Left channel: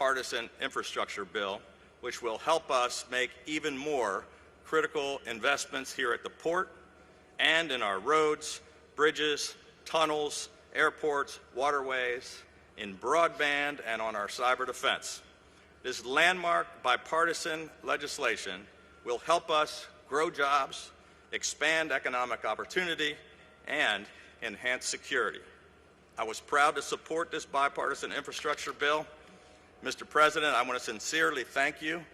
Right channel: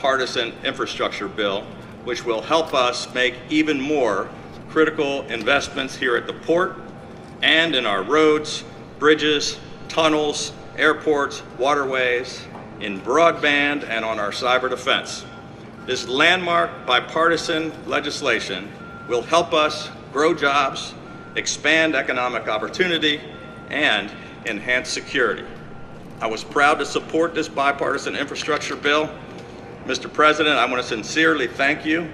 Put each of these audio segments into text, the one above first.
bipartisan infrastructure bill, which will help us make even more critical investments here at the port and in our roads, bridges, tunnels, airports, waterways, in broadband, and on our cyber defense. This landmark bipartisan legislation will help us grow jobs, expand economic opportunity, and enhance security. I was proud to support this bipartisan infrastructure bill. Mr. President, I want to sincerely thank you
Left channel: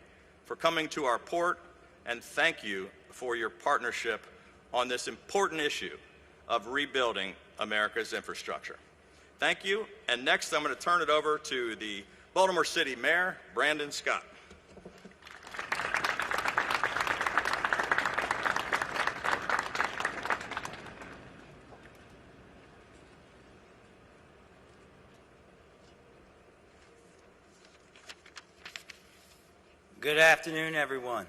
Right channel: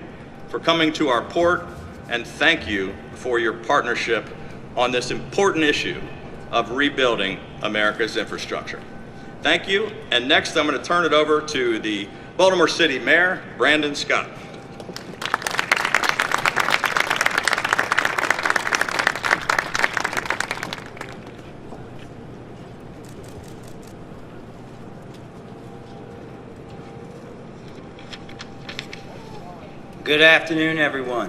for coming to our port, and thank you for your partnership on this important issue of rebuilding America's infrastructure. Thank you, and next I'm going to turn it over to the Baltimore City Mayor, Brandon Scott. Good afternoon, everyone.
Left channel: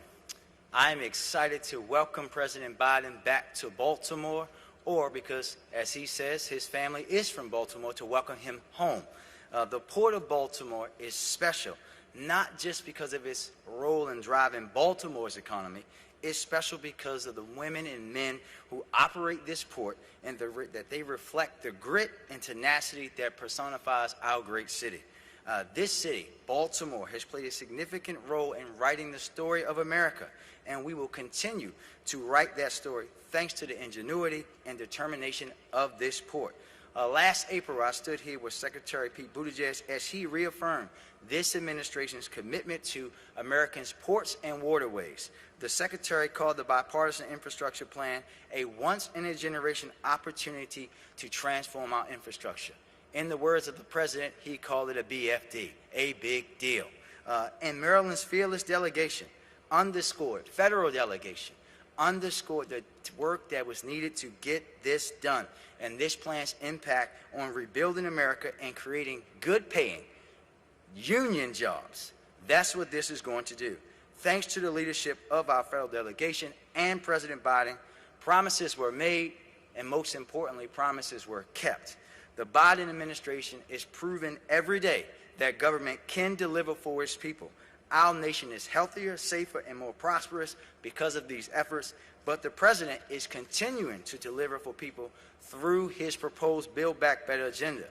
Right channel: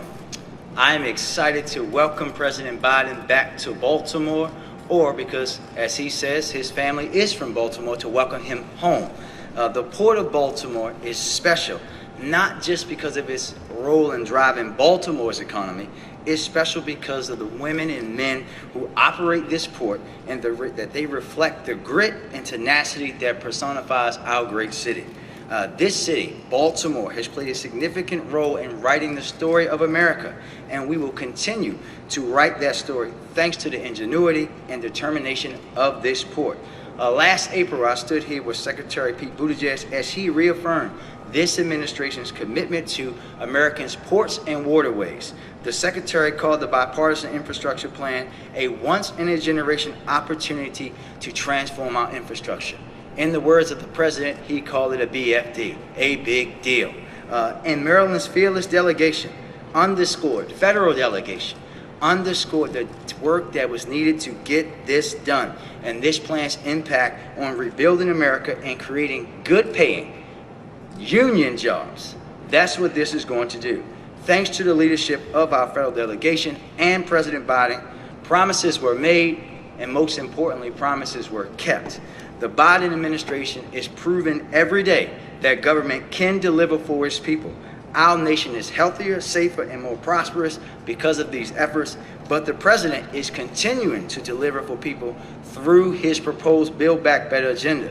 I am excited to welcome President Biden back to Baltimore, or because, as he says, his family is from Baltimore, to welcome him home. The Port of Baltimore is special, not just because of its role in driving Baltimore's economy. It's special because of the women and men who operate this port, and that they reflect the grit and tenacity that personifies our great city. This city, Baltimore, has played a significant role in writing the story of America, and we will continue to write that story thanks to the ingenuity and determination of this port. Last April, I stood here with Secretary Pete Buttigieg as he reaffirmed this administration's commitment to Americans' ports and waterways. The Secretary called the bipartisan infrastructure plan a once-in-a-generation opportunity to transform our infrastructure. In the words of the President, he called it a BFD, a big deal. And Maryland's fearless delegation underscored, federal delegation, underscored the work that was needed to get this done, and this plan's impact on rebuilding America and creating good-paying union jobs. That's what this is going to do. Thanks to the leadership of our federal delegation and President Biden, promises were made, and most importantly, promises were kept. The Biden administration is proving every day that government can deliver for its people. Our nation is healthier, safer, and more prosperous because of these efforts, but the President is continuing to deliver for people through his proposed Build Back Better agenda.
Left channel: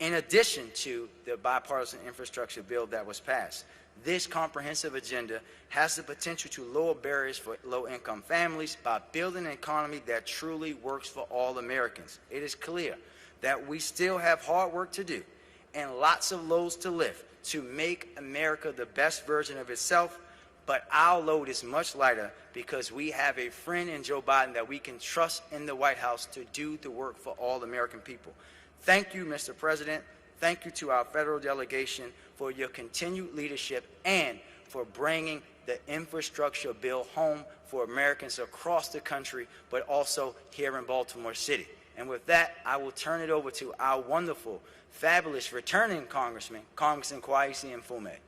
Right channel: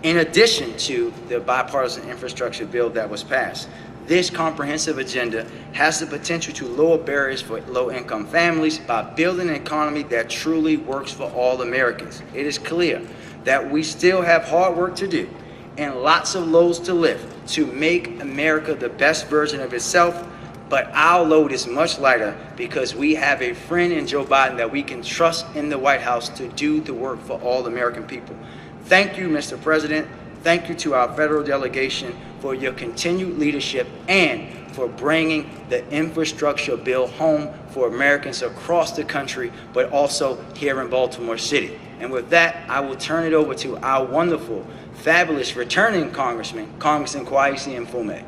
In addition to the bipartisan infrastructure bill that was passed, this comprehensive agenda has the potential to lower barriers for low-income families by building an economy that truly works for all Americans. It is clear that we still have hard work to do and lots of loads to lift to make America the best version of itself, but our load is much lighter because we have a friend in Joe Biden that we can trust in the White House to do the work for all American people. Thank you, Mr. President. Thank you to our federal delegation for your continued leadership and for bringing the infrastructure bill home for Americans across the country, but also here in Baltimore City. And with that, I will turn it over to our wonderful, fabulous returning Congressman, Congressman Kwesi Mfume.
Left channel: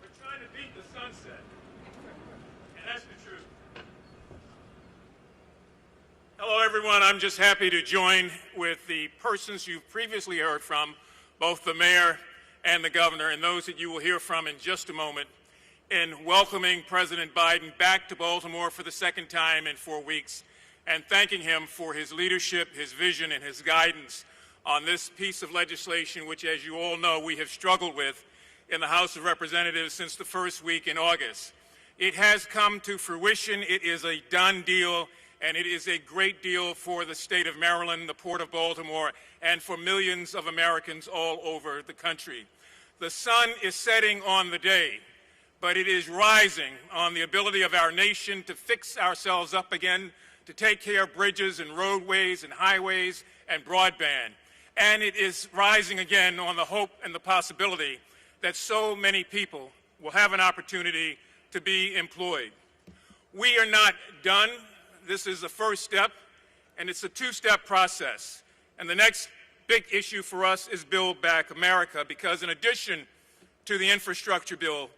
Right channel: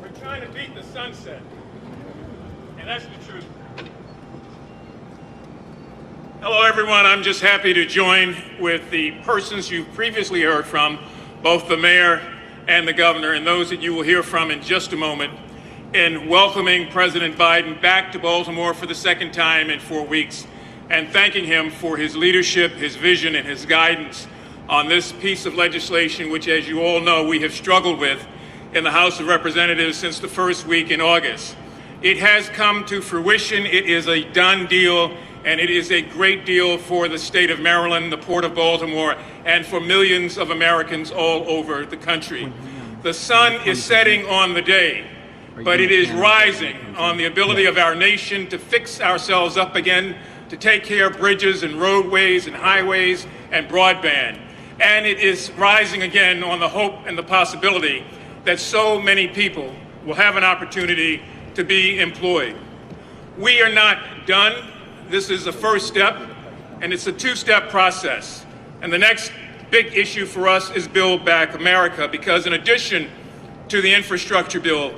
We're trying to beat the sunset, and that's the truth. Hello, everyone. I'm just happy to join with the persons you've previously heard from, both the mayor and the governor, and those that you will hear from in just a moment, in welcoming President Biden back to Baltimore for the second time in 4 weeks, and thanking him for his leadership, his vision, and his guidance on this piece of legislation, which, as you all know, we have struggled with in the House of Representatives since the first week in August. It has come to fruition. It is a done deal, and it is a great deal for the state of Maryland, the Port of Baltimore, and for millions of Americans all over the country. The sun is setting on the day, but it is rising on the ability of our nation to fix ourselves up again, to take care of bridges and roadways and highways and broadband. And it is rising again on the hope and the possibility that so many people will have an opportunity to be employed. We are not done. This is the first step, and it's a two-step process. And the next big issue for us is Build Back America, because in addition to the infrastructure bill,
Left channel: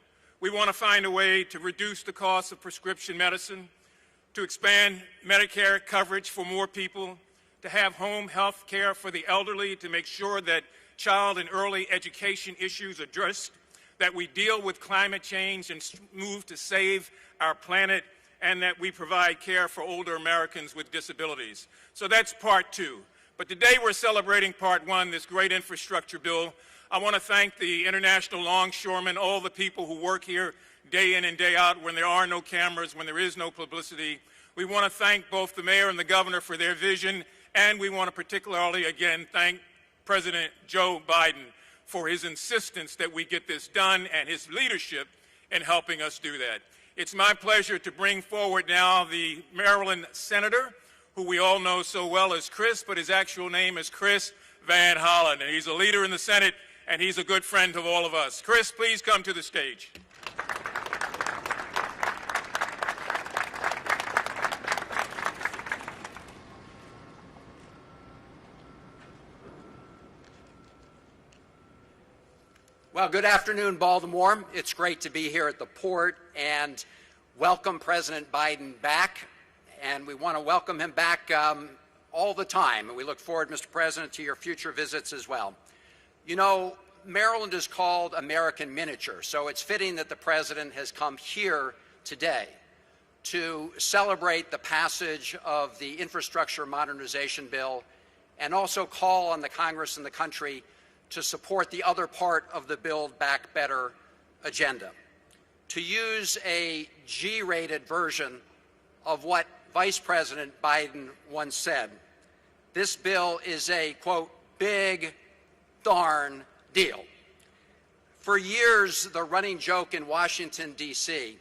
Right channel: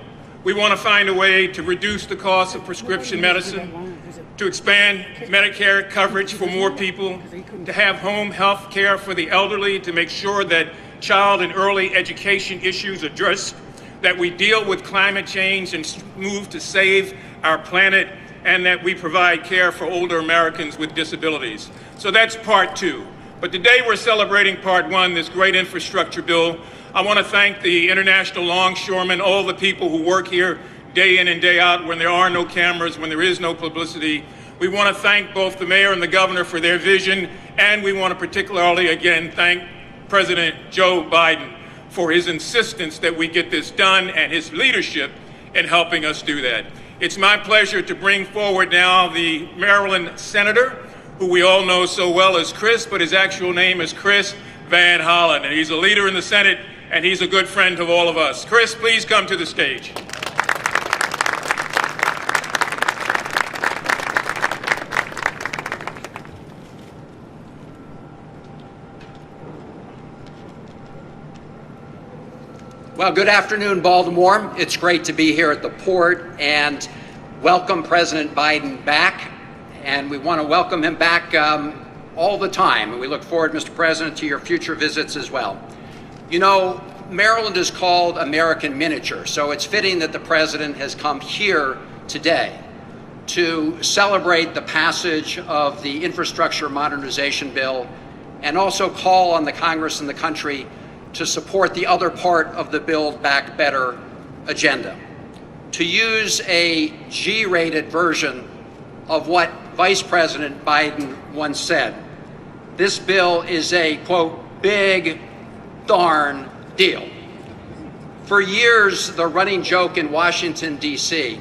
We want to find a way to reduce the cost of prescription medicine, to expand Medicare coverage for more people, to have home health care for the elderly, to make sure that child and early education issues are addressed, that we deal with climate change and move to save our planet, and that we provide care for older Americans with disabilities. So that's part two. But today we're celebrating part one, this great infrastructure bill. I want to thank the International Longshoremen, all the people who work here day in and day out when there are no cameras, when there is no publicity. We want to thank both the mayor and the governor for their vision, and we want to particularly, again, thank President Joe Biden for his insistence that we get this done and his leadership in helping us do that. It's my pleasure to bring forward now the Maryland Senator, who we all know so well as Chris, but his actual name is Chris Van Hollen, and he's a leader in the Senate, and he's a good friend of all of us. Chris, please come to the stage. Well, good afternoon, Baltimore. It's great to be here at the port and welcome President Biden back. And we want to welcome him back all the time. And we look forward, Mr. President, to your future visits as well. You know, Maryland is called American Miniature, so it's fitting that the President has come here today to celebrate the passage of the Infrastructure Modernization Bill and also call on the Congress and the country to support the other part of the Build Back Better agenda. To use a G-rated version of what Vice President Biden once said, this bill is a, quote, big darn deal. For years, the running joke in Washington, D.C.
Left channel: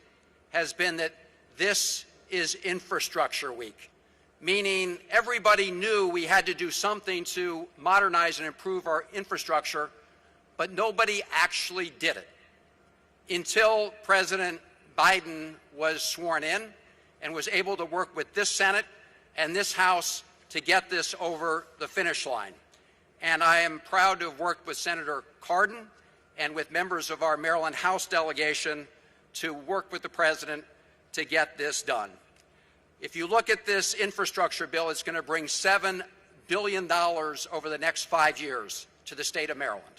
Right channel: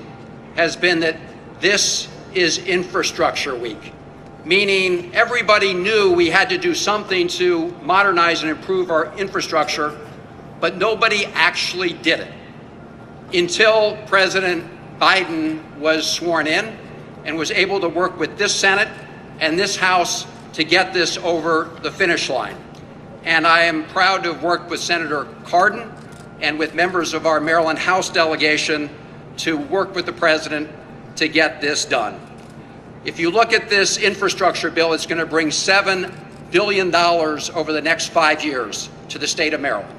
has been that this is Infrastructure Week, meaning everybody knew we had to do something to modernize and improve our infrastructure, but nobody actually did it until President Biden was sworn in and was able to work with this Senate and this House to get this over the finish line. And I am proud to have worked with Senator Cardin and with members of our Maryland House delegation to work with the President to get this done. If you look at this infrastructure bill, it's going to bring $7 billion over the next 5 years to the state of Maryland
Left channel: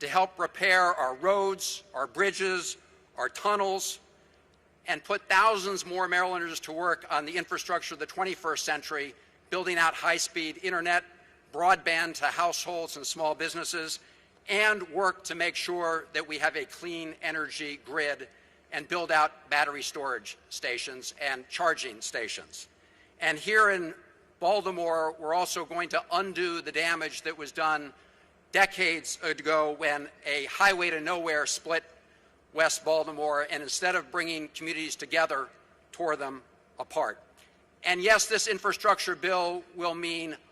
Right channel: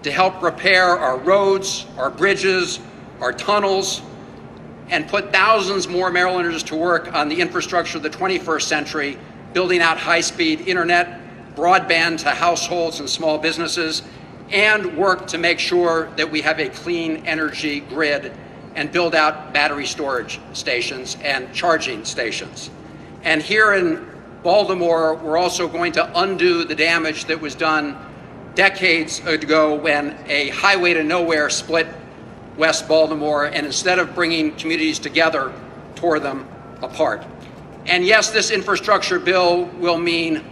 to help repair our roads, our bridges, our tunnels, and put thousands more Marylanders to work on the infrastructure of the 21st century, building out high-speed internet, broadband to households and small businesses, and work to make sure that we have a clean energy grid and build out battery storage stations and charging stations. And here in Baltimore, we're also going to undo the damage that was done decades ago when a highway to nowhere split West Baltimore, and instead of bringing communities together, tore them apart. And yes, this infrastructure bill will mean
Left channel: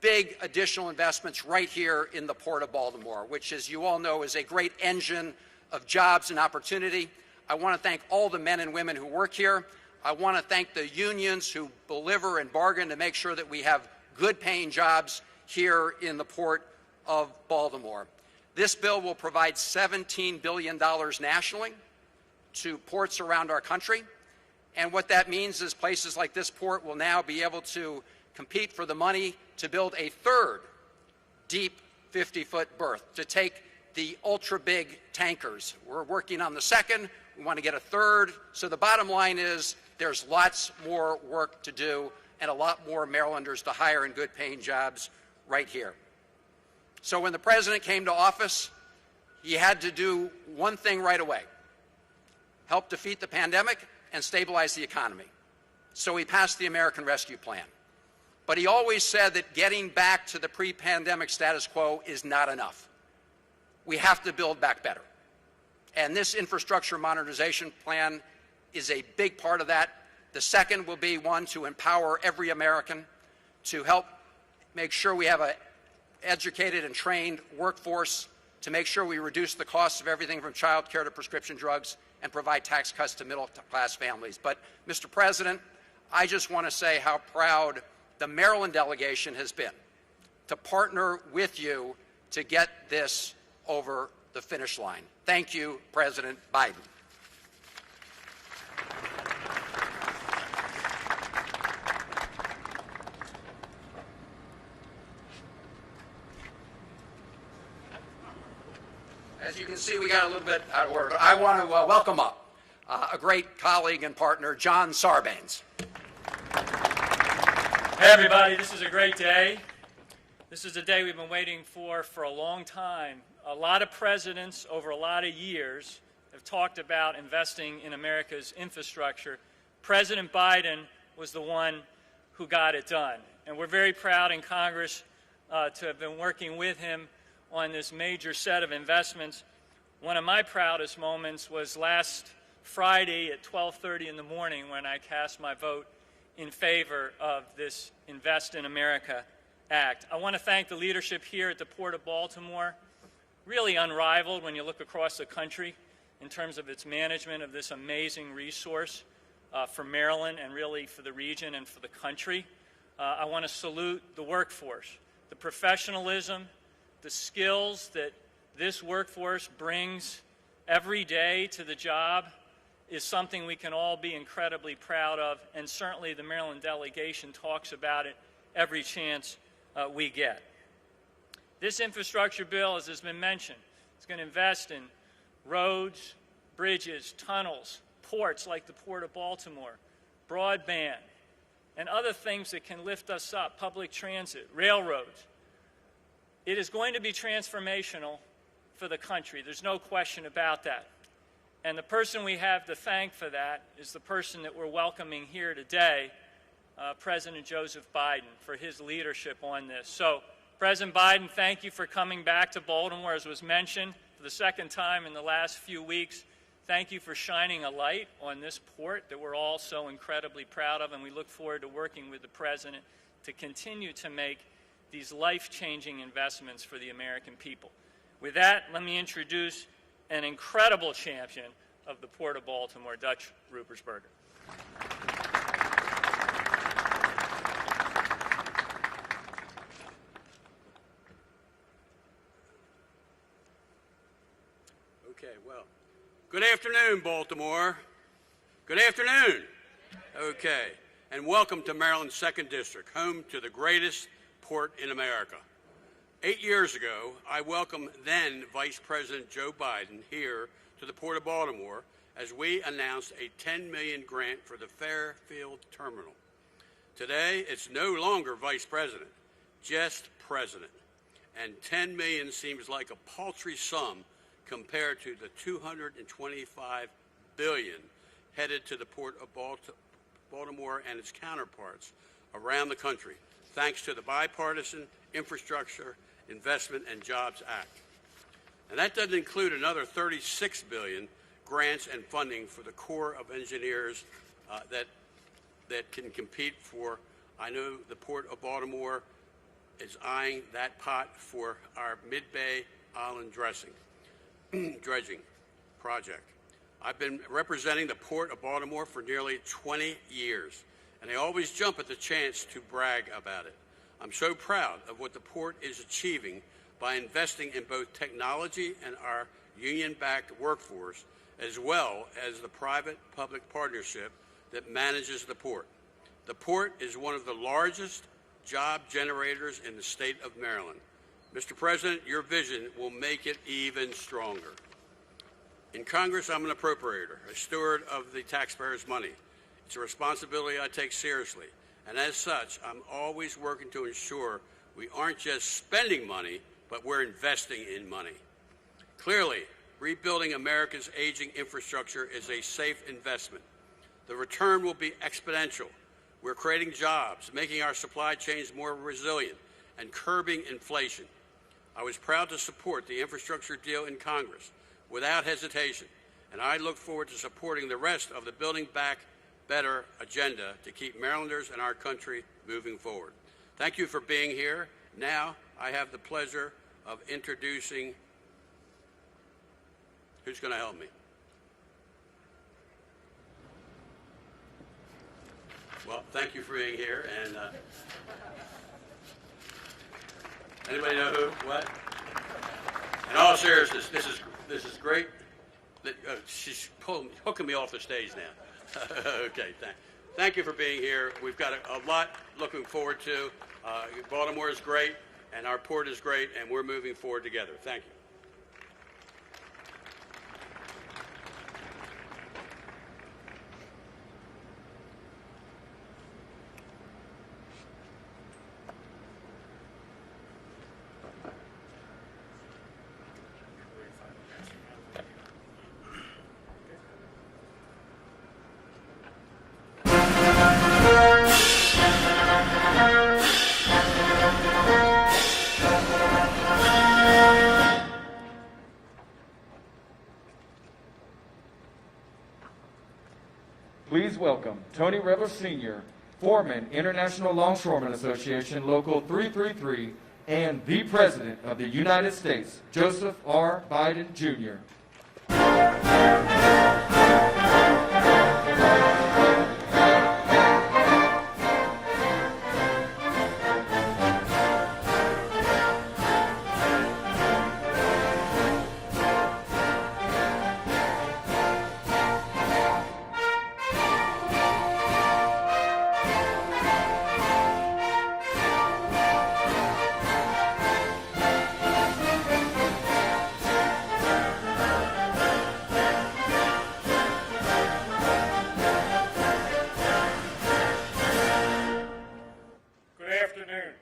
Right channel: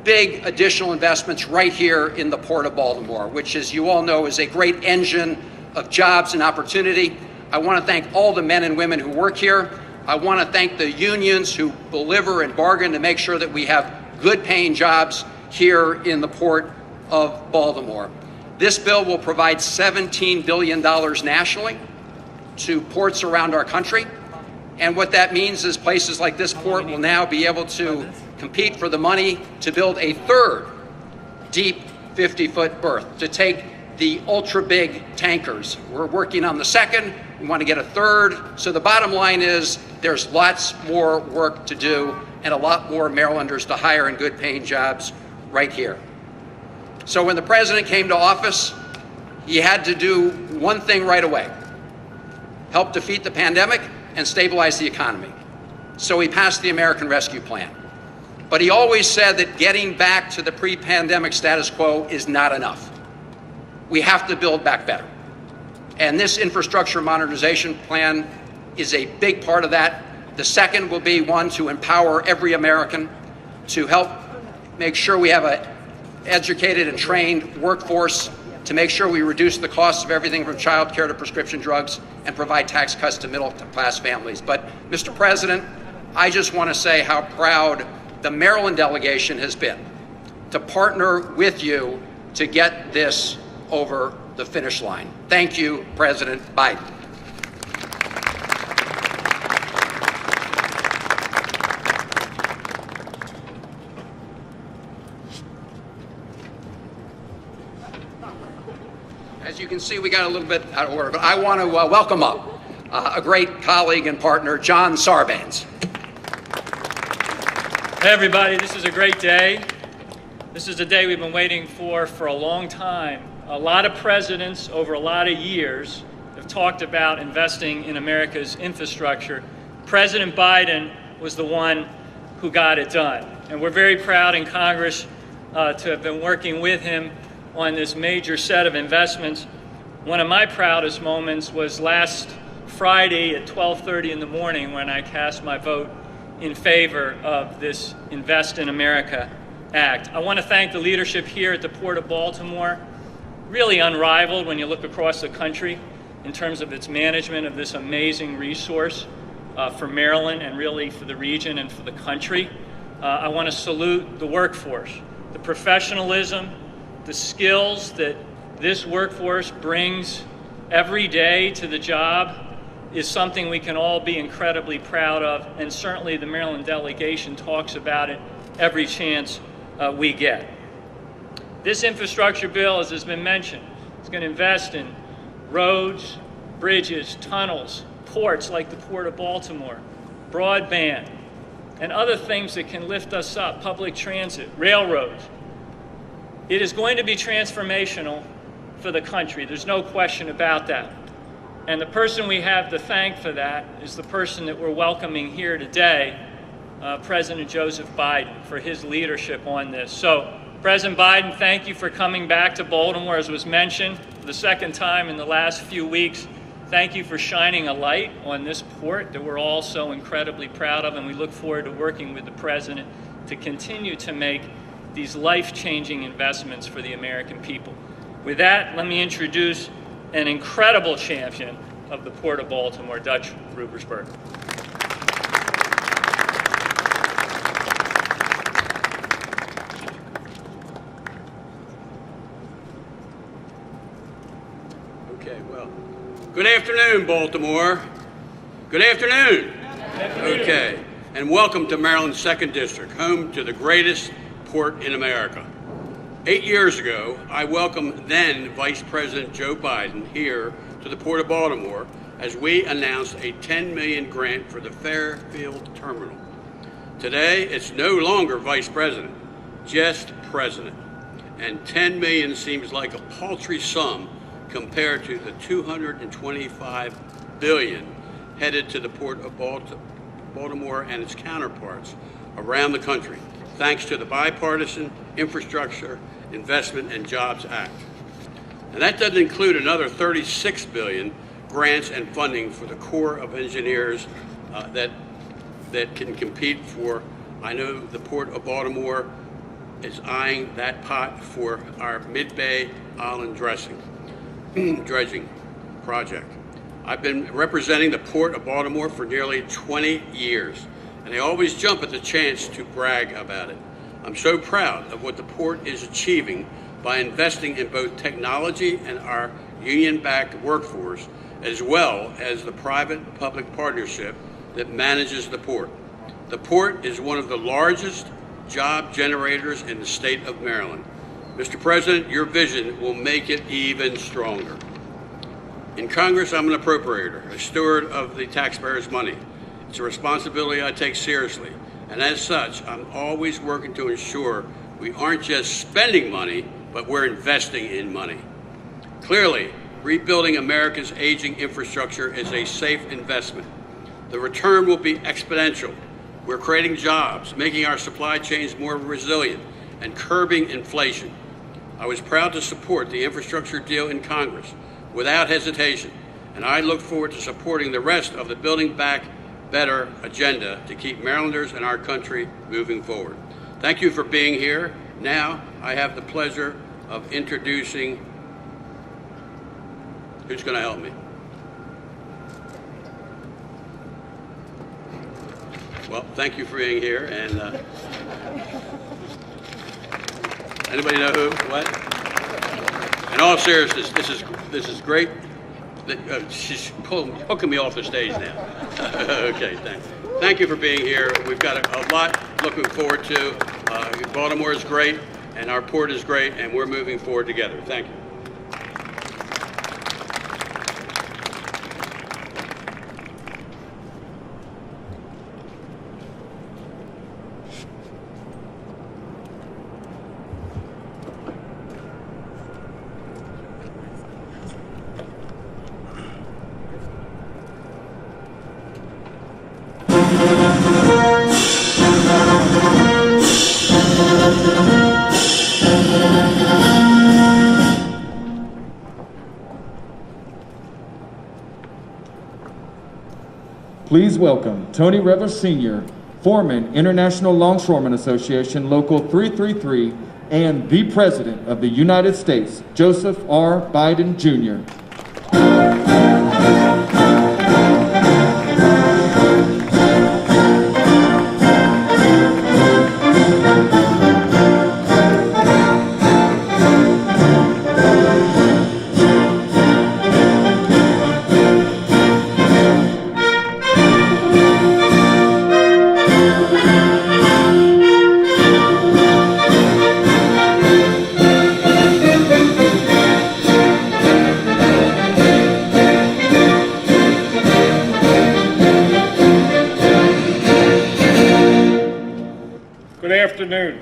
big additional investments right here in the Port of Baltimore, which, as you all know, is a great engine of jobs and opportunity. I want to thank all the men and women who work here. I want to thank the unions who deliver and bargain to make sure that we have good paying jobs here in the Port of Baltimore. This bill will provide $17 billion nationally to ports around our country. And what that means is places like this port will now be able to compete for the money to build a third deep 50-foot berth to take the ultra-big tankers. We're working on the second. We want to get a third. So the bottom line is there's lots more work to do and a lot more Marylanders to hire in good-paying jobs right here. So when the president came to office, he had to do one thing right away: help defeat the pandemic and stabilize the economy. So he passed the American Rescue Plan. But he always said that getting back to the pre-pandemic status quo is not enough. We have to build back better. And this infrastructure modernization plan is a big part of that. The second will be one to empower every American, to help make sure we have an educated and trained workforce, to make sure we reduce the costs of everything from child care to prescription drugs, and provide tax cuts to middle-class families. But, Mr. President, I just want to say how proud the Maryland delegation has been to partner with you to get this over the finish line. Thank you, President Biden. as you can see, we got a little bit out of order, but I want to welcome up a great colleague and partner, John Sarbanes. Hey everybody, this is a great day. This is a day we've been waiting for a long time. A lot of presidents over a lot of years have talked about investing in America's infrastructure. President Biden was the one who got it done. And we're very proud in Congress to have been working with him on this major set of investments. One of my proudest moments was last Friday at 12:30 in the morning when I cast my vote in favor of this Invest in America Act. I want to thank the leadership here at the Port of Baltimore, really unrivaled when you look across the country in terms of its management of this amazing resource for Maryland and really for the region and for the country. I want to salute the workforce, the professionalism, the skills that this workforce brings every day to the job is something we can all be incredibly proud of, and certainly the Maryland delegation talks about it every chance we get. This infrastructure bill, as has been mentioned, is going to invest in roads, bridges, tunnels, ports like the Port of Baltimore, broadband, and other things that can lift us up, public transit, railroads. It is going to be transformational for the country. There's no question about that. And the person we have to thank for that is the person that we're welcoming here today, President Joseph Biden, for his leadership on this. So, President Biden, thank you for coming back to Baltimore, as was mentioned, for the second time in the last few weeks. Thank you for shining a light on this port that we're all so incredibly proud of, and we look forward to working with the President to continue to make these life-changing investments for the American people. With that, let me introduce an incredible champion of the Port of Baltimore, Dutch Rubersberg. Good afternoon, Baltimore. Good afternoon. Okay, and welcome to Maryland's 2nd District, home to the greatest port in America. 8 years ago, I welcomed then Vice President Joe Biden here to the Port of Baltimore as we announced a $10 million grant for the Fairfield Terminal. Today, it's no longer Vice President, just President. And $10 million seems like a paltry sum compared to the $225 billion headed to the Port of Baltimore and its counterparts around the country, thanks to the Bipartisan Infrastructure Investment and Jobs Act. And that doesn't include another $36 billion grants and funding for the Corps of Engineers that can compete for. I know the Port of Baltimore is eyeing that pot for our Mid-Bay Island dredging project. I've been representing the Port of Baltimore for nearly 20 years, and I always jump at the chance to brag about it. I'm so proud of what the port is achieving by investing in both technology and our union-backed workforce, as well as the private-public partnership that manages the port. The port is one of the largest job generators in the state of Maryland. Mr. President, your vision will make it even stronger. In Congress, I'm an appropriator, a steward of the taxpayers' money. It's a responsibility I take seriously, and as such, I'm always working to ensure we aren't just spending money, but we're investing in money. Clearly, rebuilding America's aging infrastructure is a safe investment. The return will be exponential. We're creating jobs, making our supply chains more resilient, and curbing inflation. I was proud to support the infrastructure deal in Congress without hesitation, and I look forward to supporting the rest of the Building Back Better agenda to keep Marylanders and our country moving forward. Thank you for being here. Now, I have the pleasure of introducing, who's going to help me? Well, thank you for being here, and anybody know who? What? In all seriousness, this is great. She's hooking me off the stage now. Okay, thanks. Thank you for being here. We've got a lot looking forward to. Baltimore is great, and our port is great, and we're moving forward together. Thank you. please welcome Tony Rebel Sr., Foreman, International Longshoreman Association, Local 333, and the President of the United States, Joseph R. Biden, Jr. Good afternoon.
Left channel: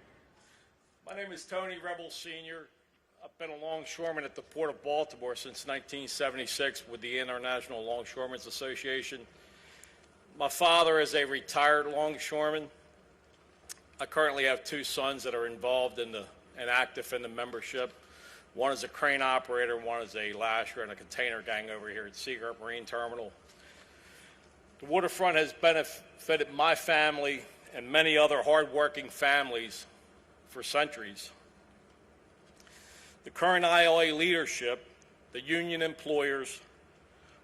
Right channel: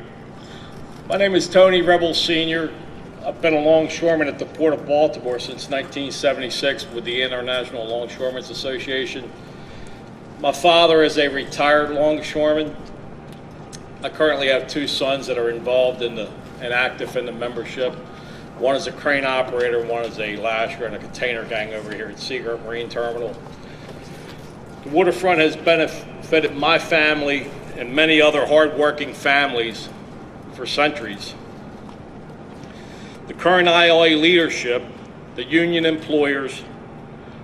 My name is Tony Rebel Sr. I've been a longshoreman at the Port of Baltimore since 1976 with the International Longshoremen's Association. My father is a retired longshoreman. I currently have two sons that are involved and active in the membership. One is a crane operator, one is a lasher and a container gang over here at Seagirt Marine Terminal. The waterfront has benefited my family and many other hardworking families for centuries. The current ILA leadership, the union employers,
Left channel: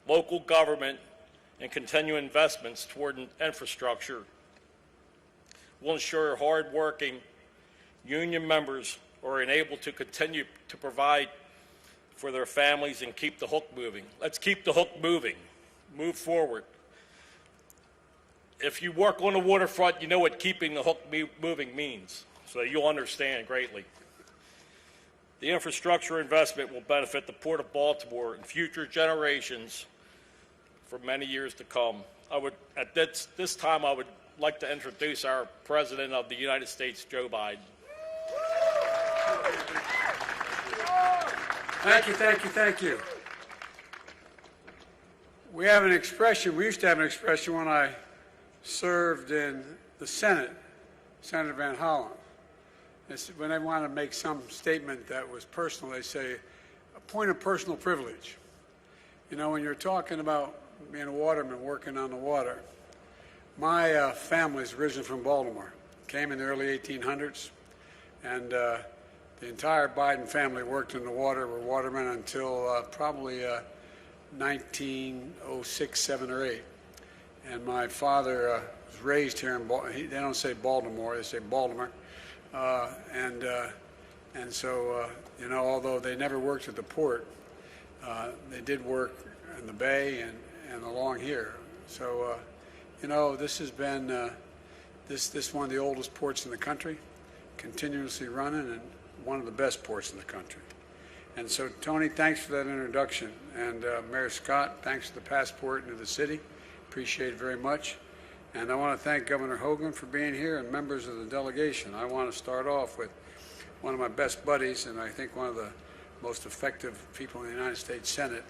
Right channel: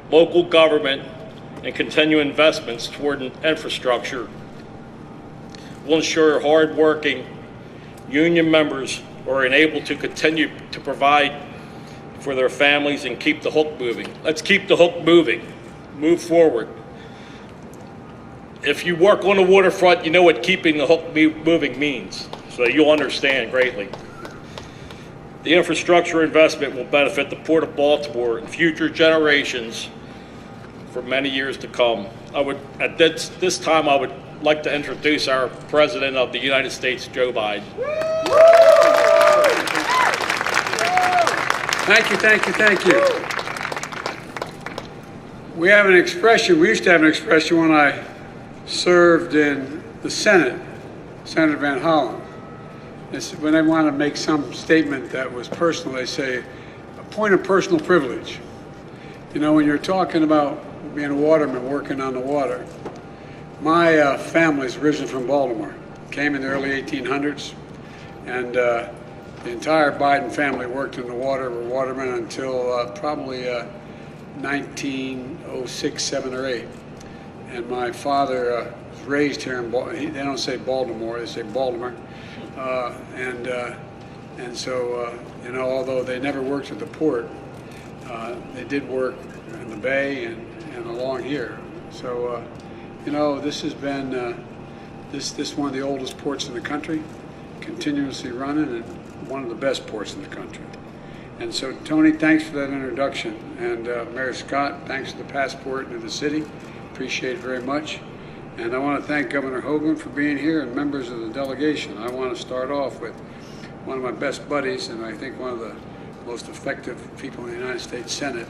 local government, and continued investments toward infrastructure will ensure hardworking union members are enabled to continue to provide for their families and keep the hook moving. Let's keep the hook moving, move forward. If you work on the waterfront, you know what keeping the hook moving means, so you'll understand greatly. The infrastructure investment will benefit the Port of Baltimore and future generations for many years to come. At this time, I would like to introduce our President of the United States, Joe Biden. Thank you, thank you, thank you. We have an expression, we used to have an expression when I served in the Senate, Senator Van Hollen. It's when they want to make some statement that was personal, they say, a point of personal privilege. You know, when you're talking about being a waterman working on the water, my family's originally from Baltimore, came in the early 1800s, and the entire Biden family worked in the water, were watermen until probably 1906, 7, or 8. And my father was raised here in Baltimore. They don't say Baltimore, they say Baltimore. And so, you know, although they never worked at the port, they did work in the bay and along here. So, you know, this has been, this is one of the oldest ports in the country, continuously running, and one of the best ports in the country. And so, Tony, thanks for that introduction. And Mayor Scott, thanks for the passport into the city. Appreciate it very much. And I want to thank Governor Hogan for being here and members of the delegation. I want to start off with one of my best buddies and I think one of the most effective people in the United States Senate,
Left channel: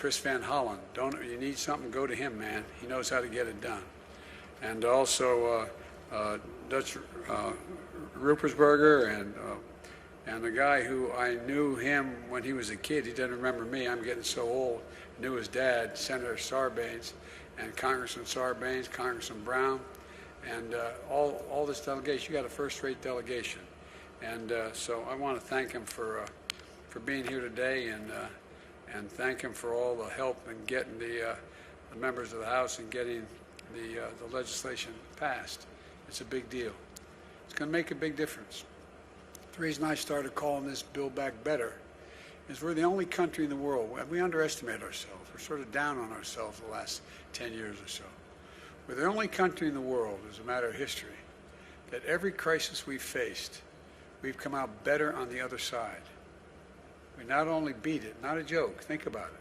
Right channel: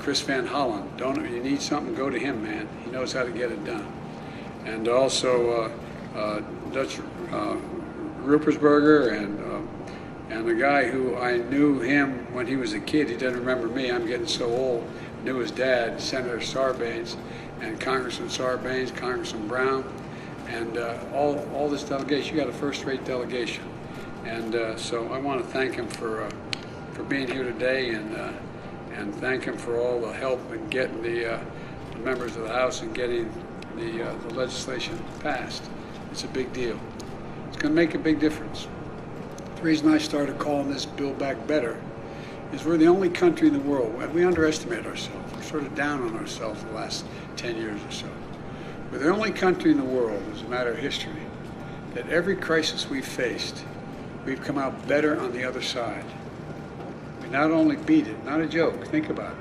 Chris Van Hollen. You need something, go to him, man. He knows how to get it done. And also Dutch Ruppersberger and a guy who I knew him when he was a kid. He doesn't remember me. I'm getting so old. Knew his dad, Senator Sarbanes, and Congressman Sarbanes, Congressman Brown, and all this delegation. You got a first-rate delegation, and so I want to thank him for being here today, and thank him for all the help in getting the members of the House and getting the legislation passed. It's a big deal. It's going to make a big difference. The reason I started calling this Build Back Better is we're the only country in the world. We underestimate ourselves. We're sort of down on ourselves the last 10 years or so. We're the only country in the world, as a matter of history, that every crisis we've faced, we've come out better on the other side. We not only beat it, not a joke, think about it.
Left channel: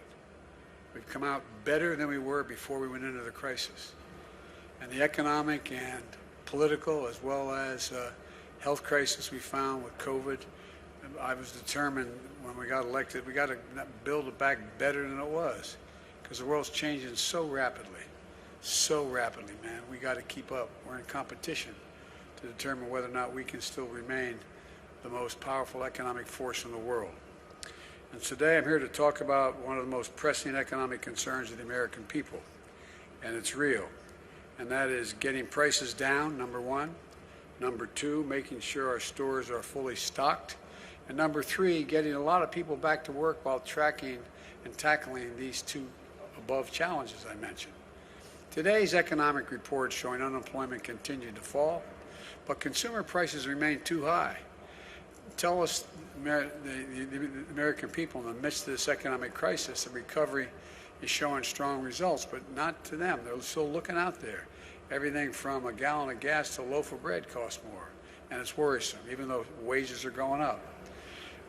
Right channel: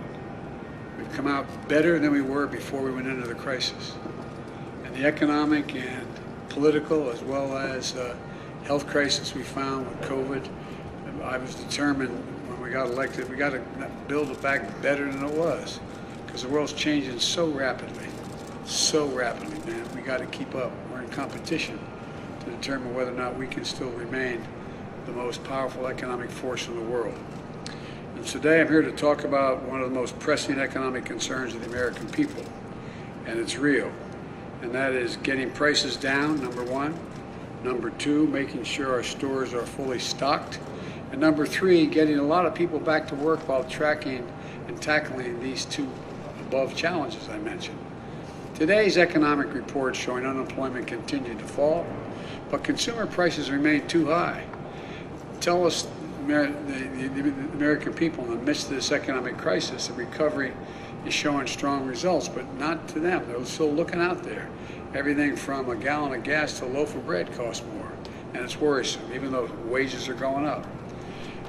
We've come out better than we were before we went into the crisis. And the economic and political, as well as health crisis we found with COVID, I was determined when we got elected, we got to build it back better than it was. Because the world's changing so rapidly, man. We got to keep up. We're in competition to determine whether or not we can still remain the most powerful economic force in the world. And today I'm here to talk about one of the most pressing economic concerns of the American people, and it's real. and that is getting prices down, number one. Number two, making sure our stores are fully stocked. And number three, getting a lot of people back to work while tracking and tackling these two above challenges I mentioned. Today's economic report showing unemployment continued to fall, but consumer prices remain too high. Tell us, the American people, in the midst of this economic crisis, the recovery is showing strong results, but not to them. They're still looking out there. Everything from a gallon of gas to a loaf of bread costs more, and it's worrisome, even though wages are going up.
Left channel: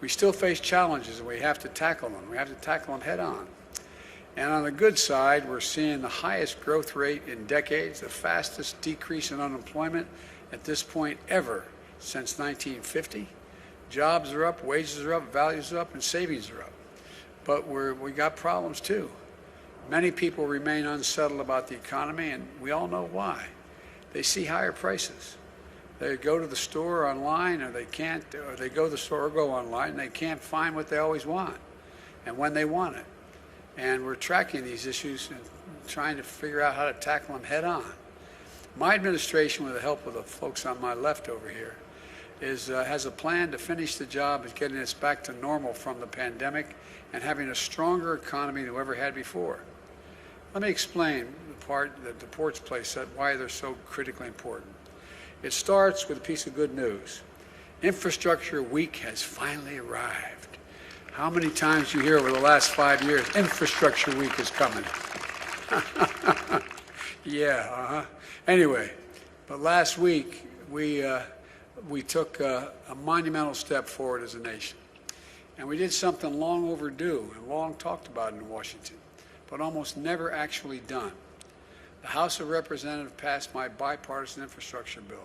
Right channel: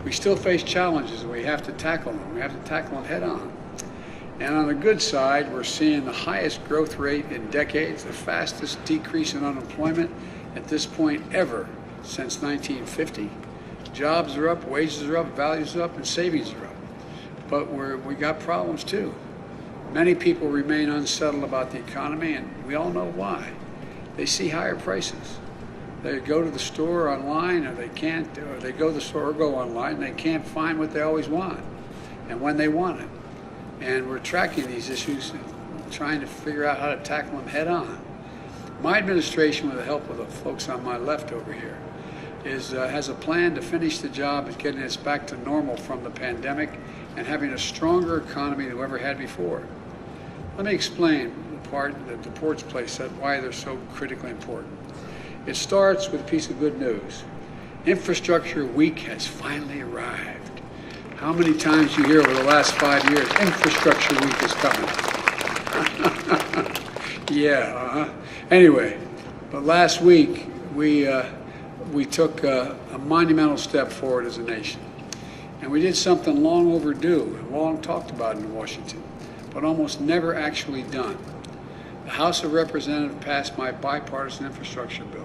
We still face challenges. We have to tackle them. We have to tackle them head on. And on the good side, we're seeing the highest growth rate in decades, the fastest decrease in unemployment at this point ever since 1950. Jobs are up, wages are up, values are up, and savings are up. But we got problems too. Many people remain unsettled about the economy, and we all know why. They see higher prices. They go to the store online, and they go to the store or go online, and they can't find what they always want and when they want it. And we're tracking these issues and trying to figure out how to tackle them head on. My administration, with the help of the folks on my left over here, has a plan to finish the job of getting us back to normal from the pandemic and having a stronger economy than we ever had before. Let me explain the part that the ports plays, why they're so critically important. It starts with a piece of good news. Infrastructure Week has finally arrived. How many times you hear over the last 5 years, Infrastructure Week is coming? Yeah, Anyway, last week we took a monumental step forward as a nation. And we did something long overdue, and long talked about in Washington, but almost never actually done. The House of Representatives passed my bipartisan infrastructure bill.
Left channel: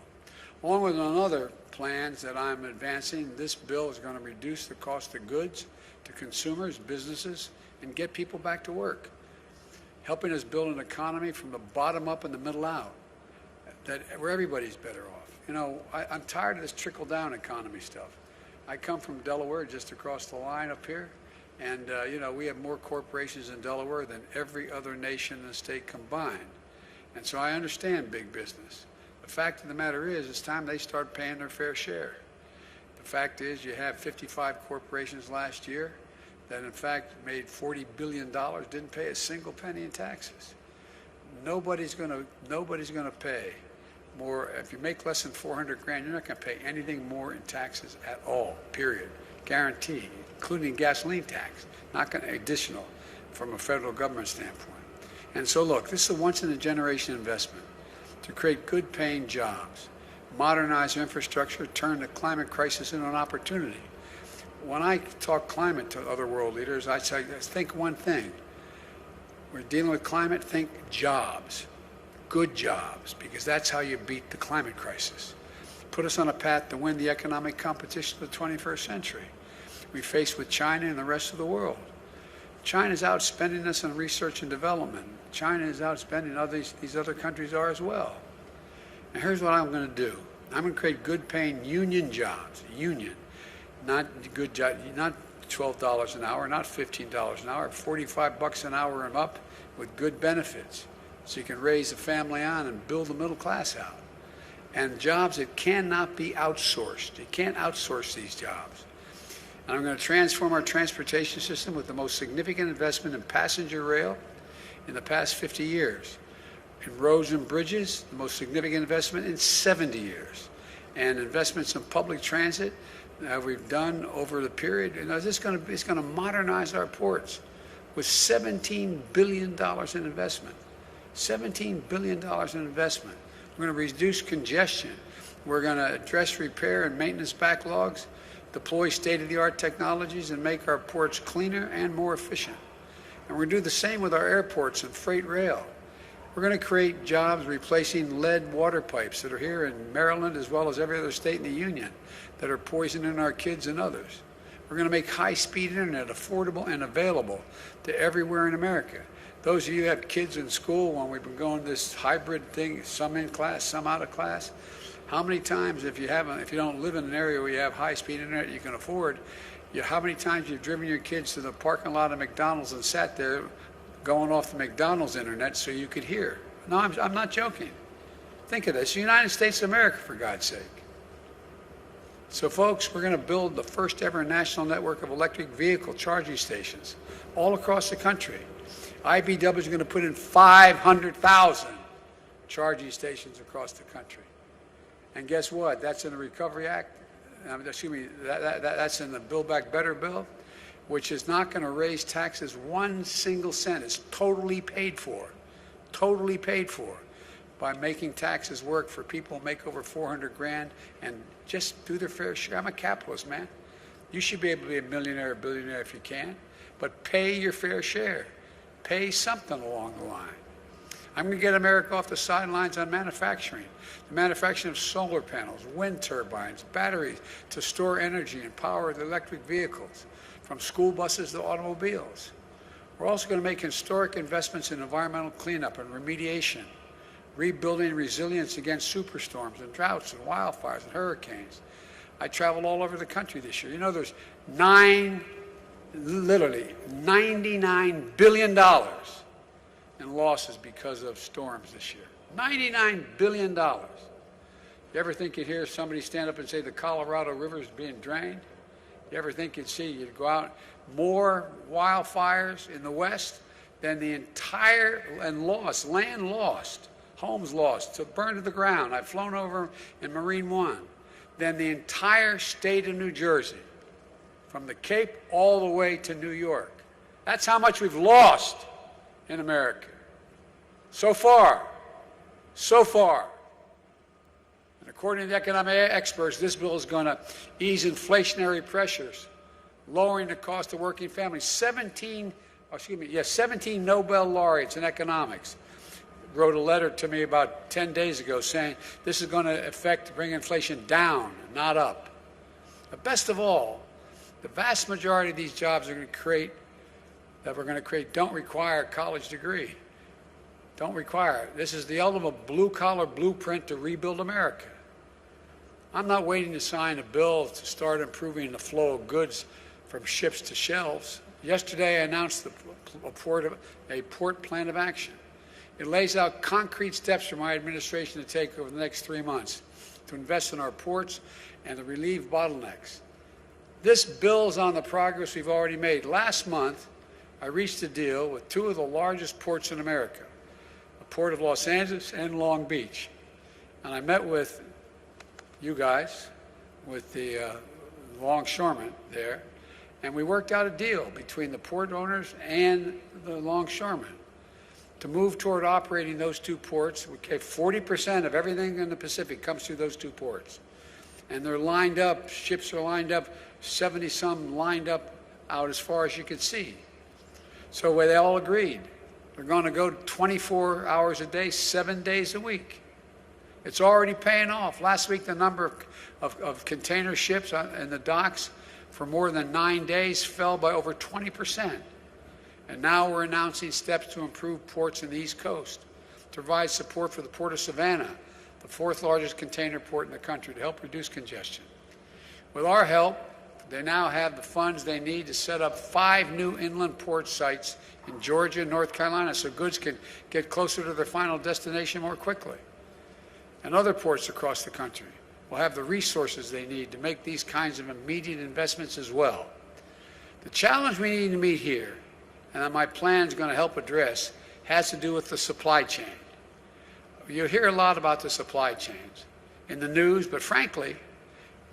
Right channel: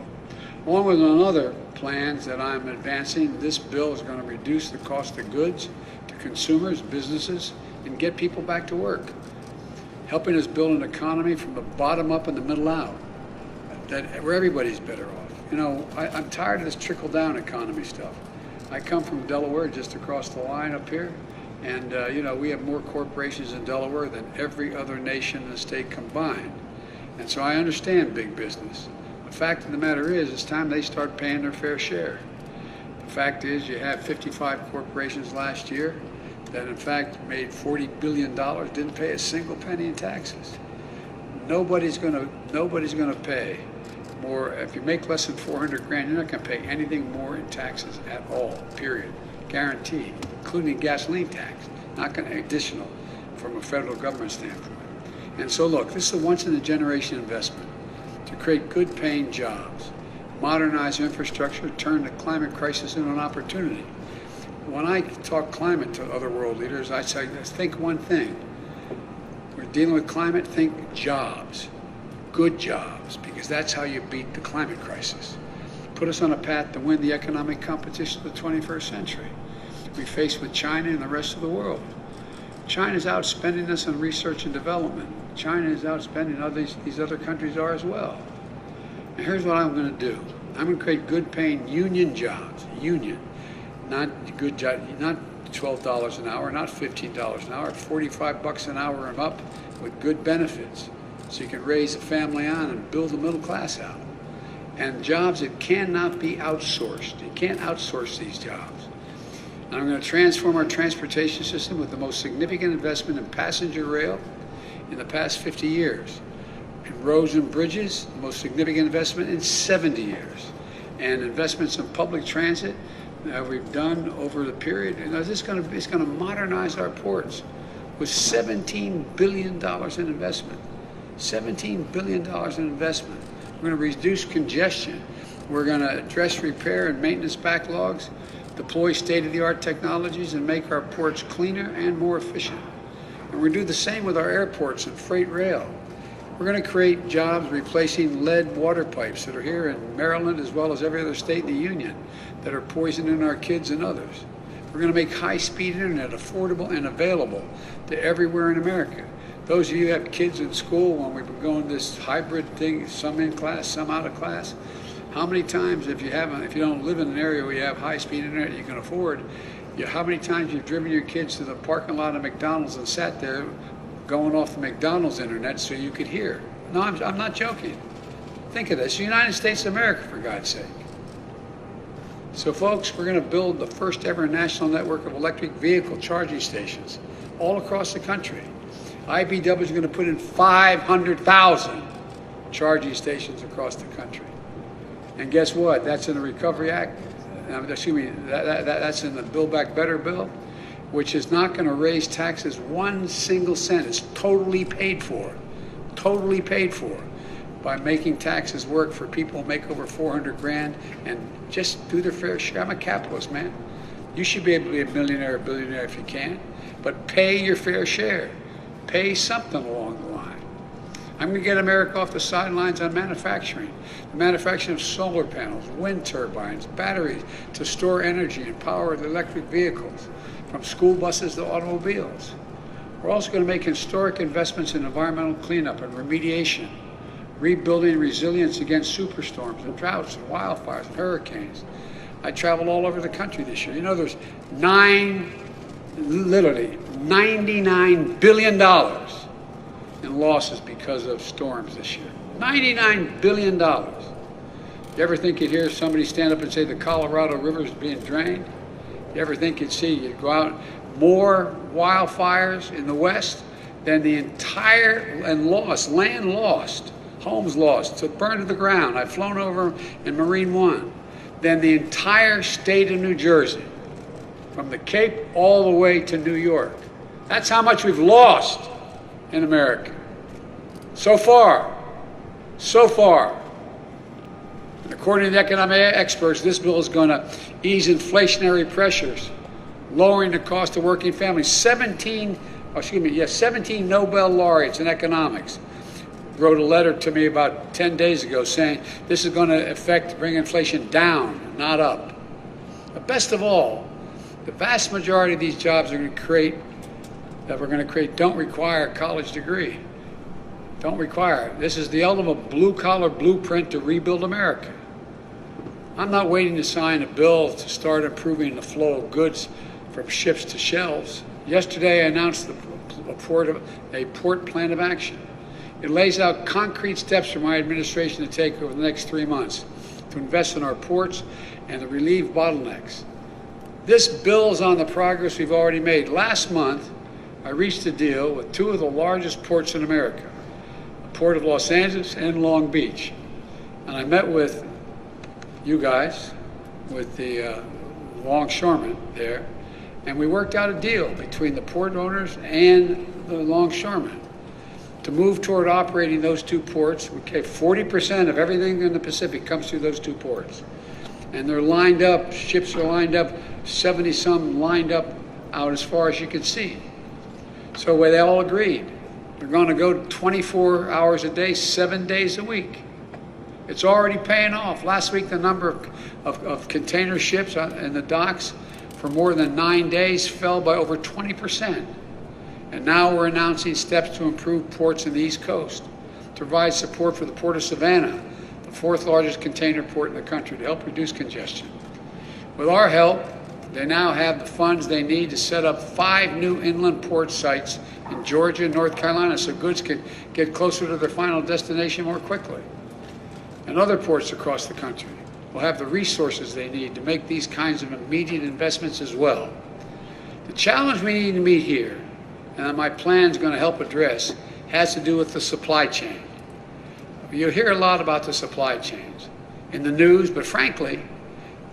Along with other plans that I'm advancing, this bill is going to reduce the cost of goods to consumers, businesses, and get people back to work, helping us build an economy from the bottom up and the middle out, where everybody's better off. You know, I'm tired of this trickle-down economy stuff. I come from Delaware, just across the line up here, and you know, we have more corporations in Delaware than every other nation in the state combined. And so I understand big business. The fact of the matter is, it's time they start paying their fair share. The fact is, you have 55 corporations last year that in fact made $40 billion, didn't pay a single penny in taxes. Nobody's gonna pay more. If you make less than 400 grand, you're not gonna pay anything more in taxes at all, period. Guaranteed, including gasoline tax, not gonna additional from a federal government standpoint. And so look, this is a once in a generation investment to create good paying jobs, modernize infrastructure, turn the climate crisis into an opportunity. When I talk climate to other world leaders, I say, think one thing. We're dealing with climate, think jobs, good jobs, because that's how you beat the climate crisis. Put us on a path to win the economic competition of the 21st century. We face with China and the rest of the world. China's outspending us on research and development. China is outspending how these other countries are as well. And here's what I'm going to do. I'm going to create good paying union jobs, not good job, not $12 an hour, not $15 an hour, $45 an hour and up with good benefits. So you can raise a family on and build the middle class out. And jobs that cannot be outsourced. You can't outsource these jobs. And I'm going to transform our transportation system with the most significant investment in passenger rail in the past 50 years. In roads and bridges, the most significant investment in 70 years. And investments in public transit that we've done over the period. You know, it's going to modernize our ports with $17 billion in investment. $17 billion in investment. We're going to reduce congestion. We're going to address repair and maintenance backlogs, deploy state-of-the-art technologies, and make our ports cleaner and more efficient. And we're going to do the same with our airports and freight rail. We're going to create jobs replacing lead water pipes that are here in Maryland as well as every other state in the union that are poisoning our kids and others. We're going to make high-speed internet affordable and available to everywhere in America. Those of you who have kids in school, when we've been going this hybrid thing, some in class, some out of class, how many times, if you don't live in an area where you have high-speed internet you can afford, how many times you've driven your kids to the parking lot of McDonald's and sat there going off the McDonald's internet so you could hear No, I'm not joking. Think of this, United States of America, for God's sake. So folks, we're going to build the first ever national network of electric vehicle charging stations all across the country. IBW is going to put in 500,000 charging stations across the country. And guess what? That's in the Recovery Act. Excuse me, that's in the Build Back Better bill, which is not going to raise taxes 1 single cent. It's totally paid for by making taxes work for people who make over 400 grand and just do their fair share. I'm a capitalist, man. You should be able to be a millionaire or billionaire if you can, but pay your fair share. Pay something along the line. I'm going to get America off the sidelines on manufacturing. Manufacturing of solar panels, wind turbines, batteries to store energy and power the electric vehicles, from school buses to automobiles. We're also going to make historic investments in environmental cleanup and remediation, rebuilding resilience against superstorms and droughts and wildfires and hurricanes. I traveled all over the country this year. You know, there's literally $99 billion in losses because of storms this year. $99 billion. You ever think you'd hear somebody stand up and say the Colorado River is being drained? You ever think you'd go out, more wildfires in the West than the entire, and lost, land lost, homes lost, to burn to the ground. I've flown over in Marine One, than the entire state of New Jersey, from the Cape all the way to New York. That's how much we've lost in America. So far. According to economic experts, this bill is going to ease inflationary pressures, lowering the cost of working families. 17 Nobel laureates in economics wrote a letter to me about 10 days ago saying this is going to bring inflation down, not up. But best of all, the vast majority of these jobs we're going to create don't require a college degree. Don't require it. This is the ultimate blue-collar blueprint to rebuild America. I'm not waiting to sign a bill to start improving the flow of goods from ships to shelves. Yesterday, I announced a port plan of action. It lays out concrete steps for my administration to take over the next 3 months to invest in our ports and to relieve bottlenecks. This builds on the progress we've already made. Last month, I reached a deal with 2 of the largest ports in America, the Port of Los Angeles and Long Beach. And I met with you guys, with the Longshoreman there, and we worked out a deal between the port owners and the Longshoreman to move toward operating those 2 ports. Okay, 40% of everything in the Pacific comes through those 2 ports. And they're lined up, ships are lined up, 70-some lined up out as far as you can see. So they all agreed. We're going to go 24 hours a day, 7 days a week. It's already paying off. Last week, the number of container ships in the docks for more than 9 days fell by over 20%. And now we're announcing steps to improve ports in the East Coast, to provide support for the Port of Savannah, the 4th largest container port in the country, to help reduce congestion. With our help, they now have the funds they need to set up 5 new inland port sites in Georgia and North Carolina so goods can get closer to their final destination more quickly. And other ports across the country will have the resources they need to make these kinds of immediate investments as well. The challenge we need to meet here, and my plan is going to help address, has to do with the supply chain. You hear a lot about the supply chains in the news, but frankly,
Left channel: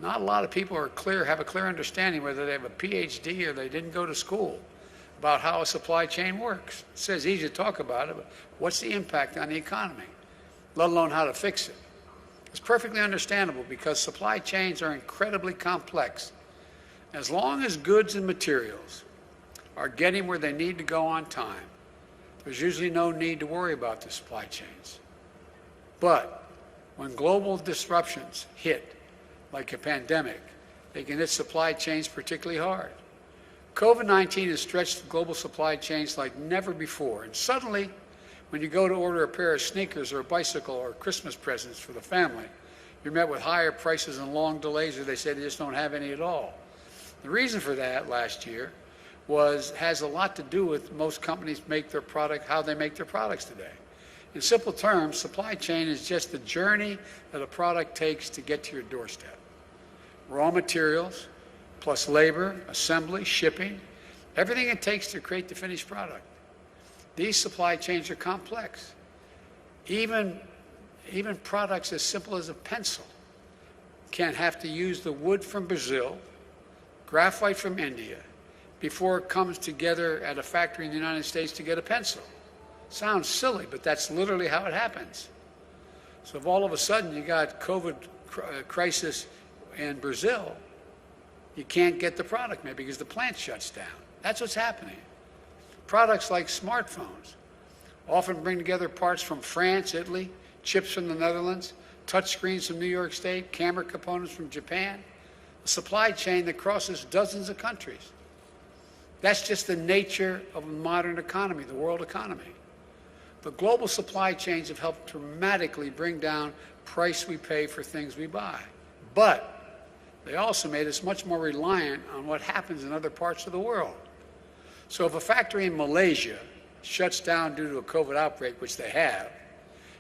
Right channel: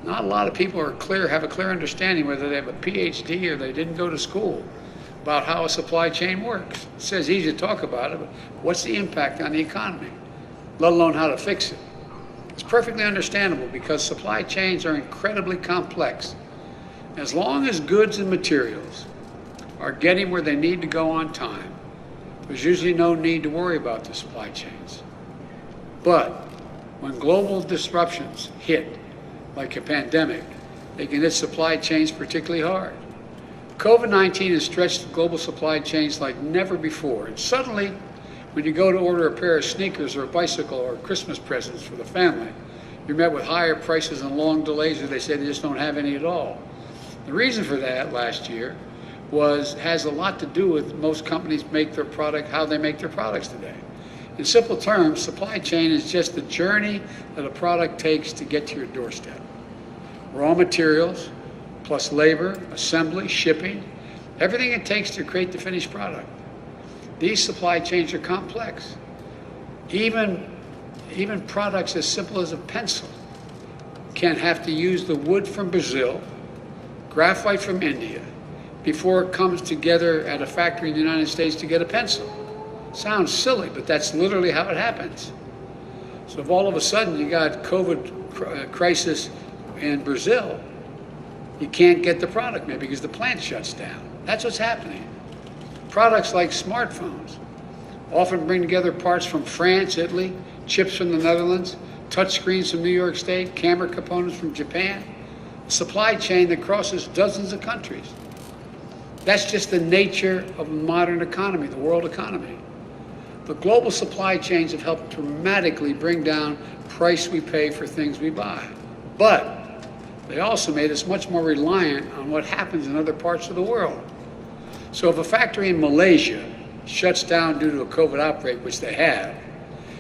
not a lot of people have a clear understanding, whether they have a PhD or they didn't go to school, about how a supply chain works. It says easy to talk about it, but what's the impact on the economy, let alone how to fix it? It's perfectly understandable because supply chains are incredibly complex. As long as goods and materials are getting where they need to go on time, there's usually no need to worry about the supply chains. But when global disruptions hit, like a pandemic, they can hit supply chains particularly hard. COVID-19 has stretched global supply chains like never before. And suddenly, when you go to order a pair of sneakers or a bicycle or Christmas presents for the family, you're met with higher prices and long delays, or they say they just don't have any at all. The reason for that last year has a lot to do with most companies make their product, how they make their products today. In simple terms, supply chain is just the journey that a product takes to get to your doorstep. Raw materials, plus labor, assembly, shipping, everything it takes to create the finished product. These supply chains are complex. Even products as simple as a pencil can have to use the wood from Brazil, graphite from India, before it comes together at a factory in the United States to get a pencil. Sounds silly, but that's literally how it happens. So if all of a sudden you got COVID crisis in Brazil, you can't get the product maybe because the plant shuts down. That's what's happening. Products like smartphones often bring together parts from France, Italy, chips from the Netherlands, touch screens from New York State, camera components from Japan, supply chain that crosses dozens of countries. That's just the nature of the modern economy, the world economy. The global supply chains have helped dramatically bring down the price we pay for things we buy. But they also made us much more reliant on what happens in other parts of the world. So if a factory in Malaysia shuts down due to a COVID outbreak, which they have,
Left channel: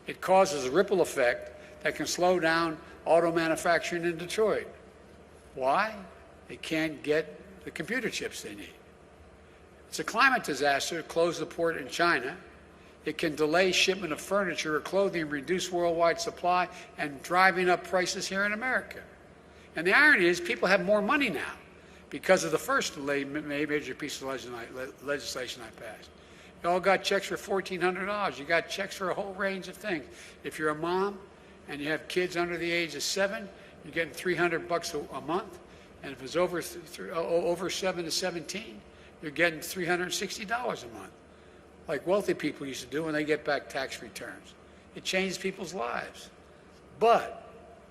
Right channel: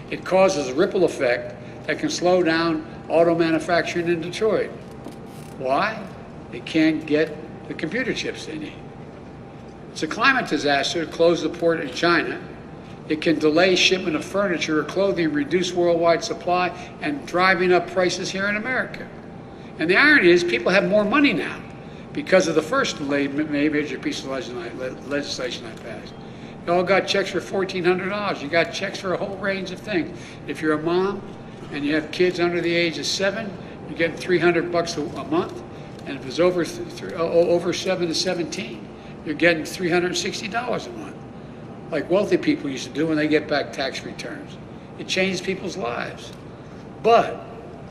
it causes a ripple effect that can slow down auto manufacturing in Detroit. Why? They can't get the computer chips they need. It's a climate disaster to close the port in China. It can delay shipment of furniture or clothing, reduce worldwide supply, and driving up prices here in America. And the irony is people have more money now because of the first major piece of legislation I passed. You all got checks for $1,400. You got checks for a whole range of things. If you're a mom and you have kids under the age of 7, you get $300 a month. And if it's over 7 to 17, you're getting $360 a month, like wealthy people used to do when they get back tax returns. It changed people's lives. But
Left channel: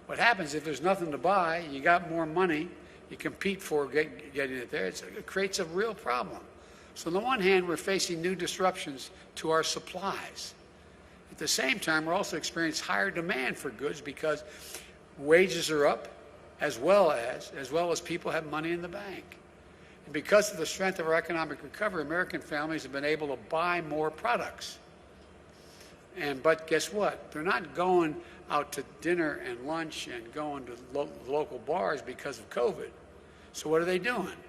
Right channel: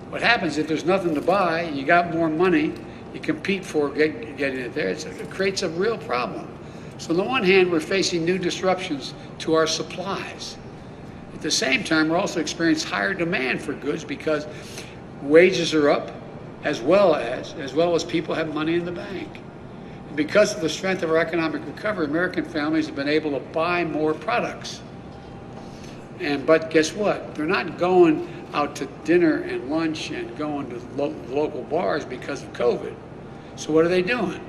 what happens if there's nothing to buy, you got more money, you compete for getting it there, it creates a real problem. So on the one hand, we're facing new disruptions to our supplies. At the same time, we're also experiencing higher demand for goods because wages are up, as well as people have money in the bank. Because of the strength of our economic recovery, American families have been able to buy more products. But guess what? They're not going out to dinner and lunch and going to local bars because of COVID. So what are they doing?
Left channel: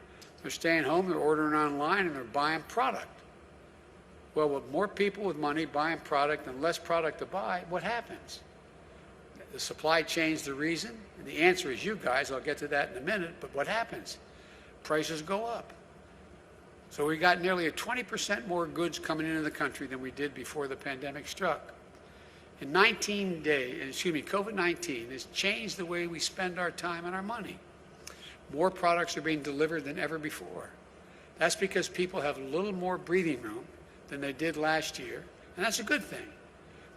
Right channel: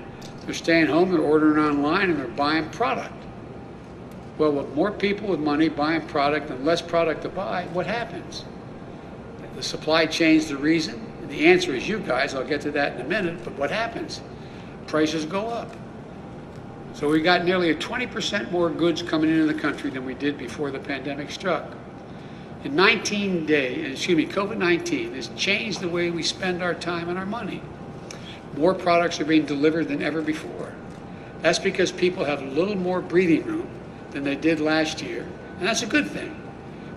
They're staying home, they're ordering online, and they're buying product. Well, with more people with money buying product and less product to buy, what happens? The supply chain's the reason. The answer is you guys. I'll get to that in a minute. But what happens? Prices go up. So we got nearly 20% more goods coming into the country than we did before the pandemic struck. In 19 days, COVID-19 has changed the way we spend our time and our money. More products are being delivered than ever before. That's because people have a little more breathing room than they did last year, and that's a good thing.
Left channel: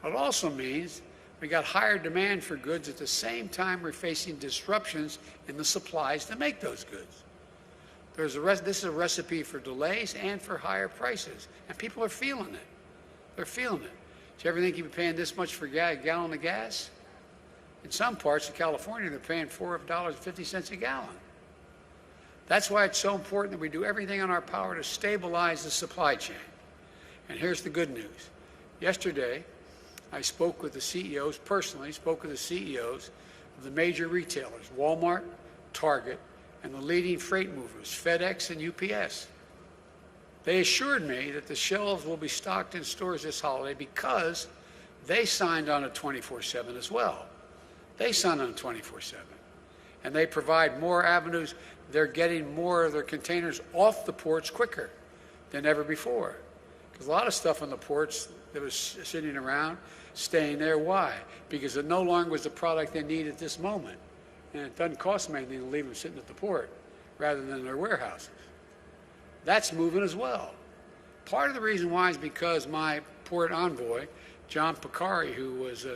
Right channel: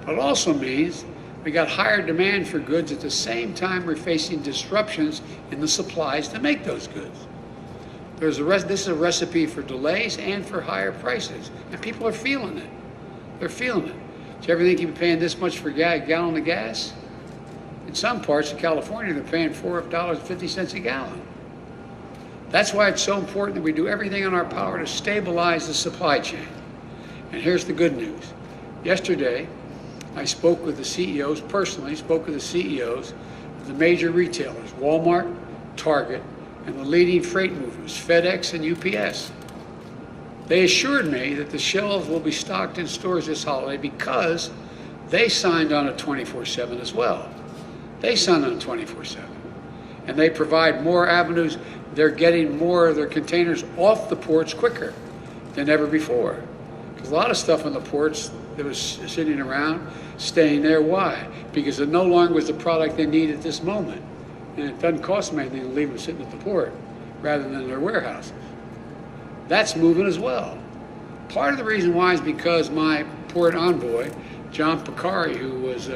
But it also means we got higher demand for goods at the same time we're facing disruptions in the supplies to make those goods. This is a recipe for delays and for higher prices, and people are feeling it. They're feeling it. So everything you're paying this much for a gallon of gas? In some parts of California, they're paying $4.50 a gallon. That's why it's so important that we do everything in our power to stabilize the supply chain. And here's the good news. Yesterday, I spoke with the CEOs, personally spoke with the CEOs of the major retailers, Walmart, Target, and the leading freight movers, FedEx and UPS. They assured me that the shelves will be stocked in stores this holiday because they signed on a 24/7 as well. They signed on a 24/7. And they provide more avenues. They're getting more of their containers off the ports quicker than ever before. There's a lot of stuff on the ports that was sitting around, staying there. Why? Because it no longer is the product they need at this moment. And it doesn't cost them anything to leave them sitting at the port rather than their warehouses. That's moving as well. Part of the reason why is because my port envoy, John Picari, who was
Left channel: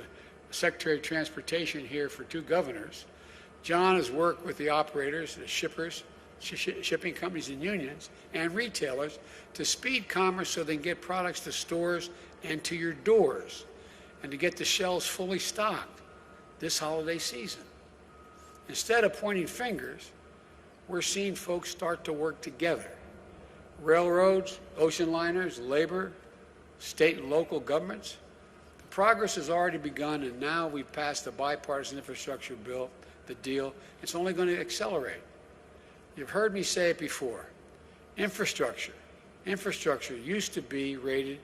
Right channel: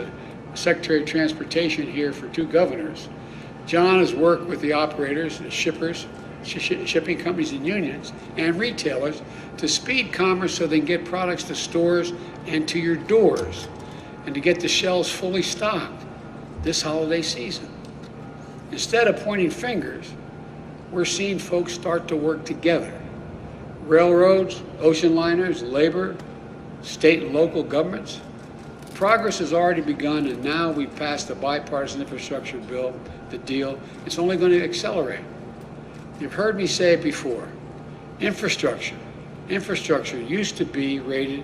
Secretary of Transportation here for 2 governors, John has worked with the operators, the shippers, shipping companies and unions, and retailers to speed commerce so they can get products to stores and to your doors and to get the shelves fully stocked this holiday season. Instead of pointing fingers, we're seeing folks start to work together. Railroads, ocean liners, labor, state and local governments, progress has already begun, and now we passed the bipartisan infrastructure bill, the deal. It's only going to accelerate. You've heard me say it before. Infrastructure used to be rated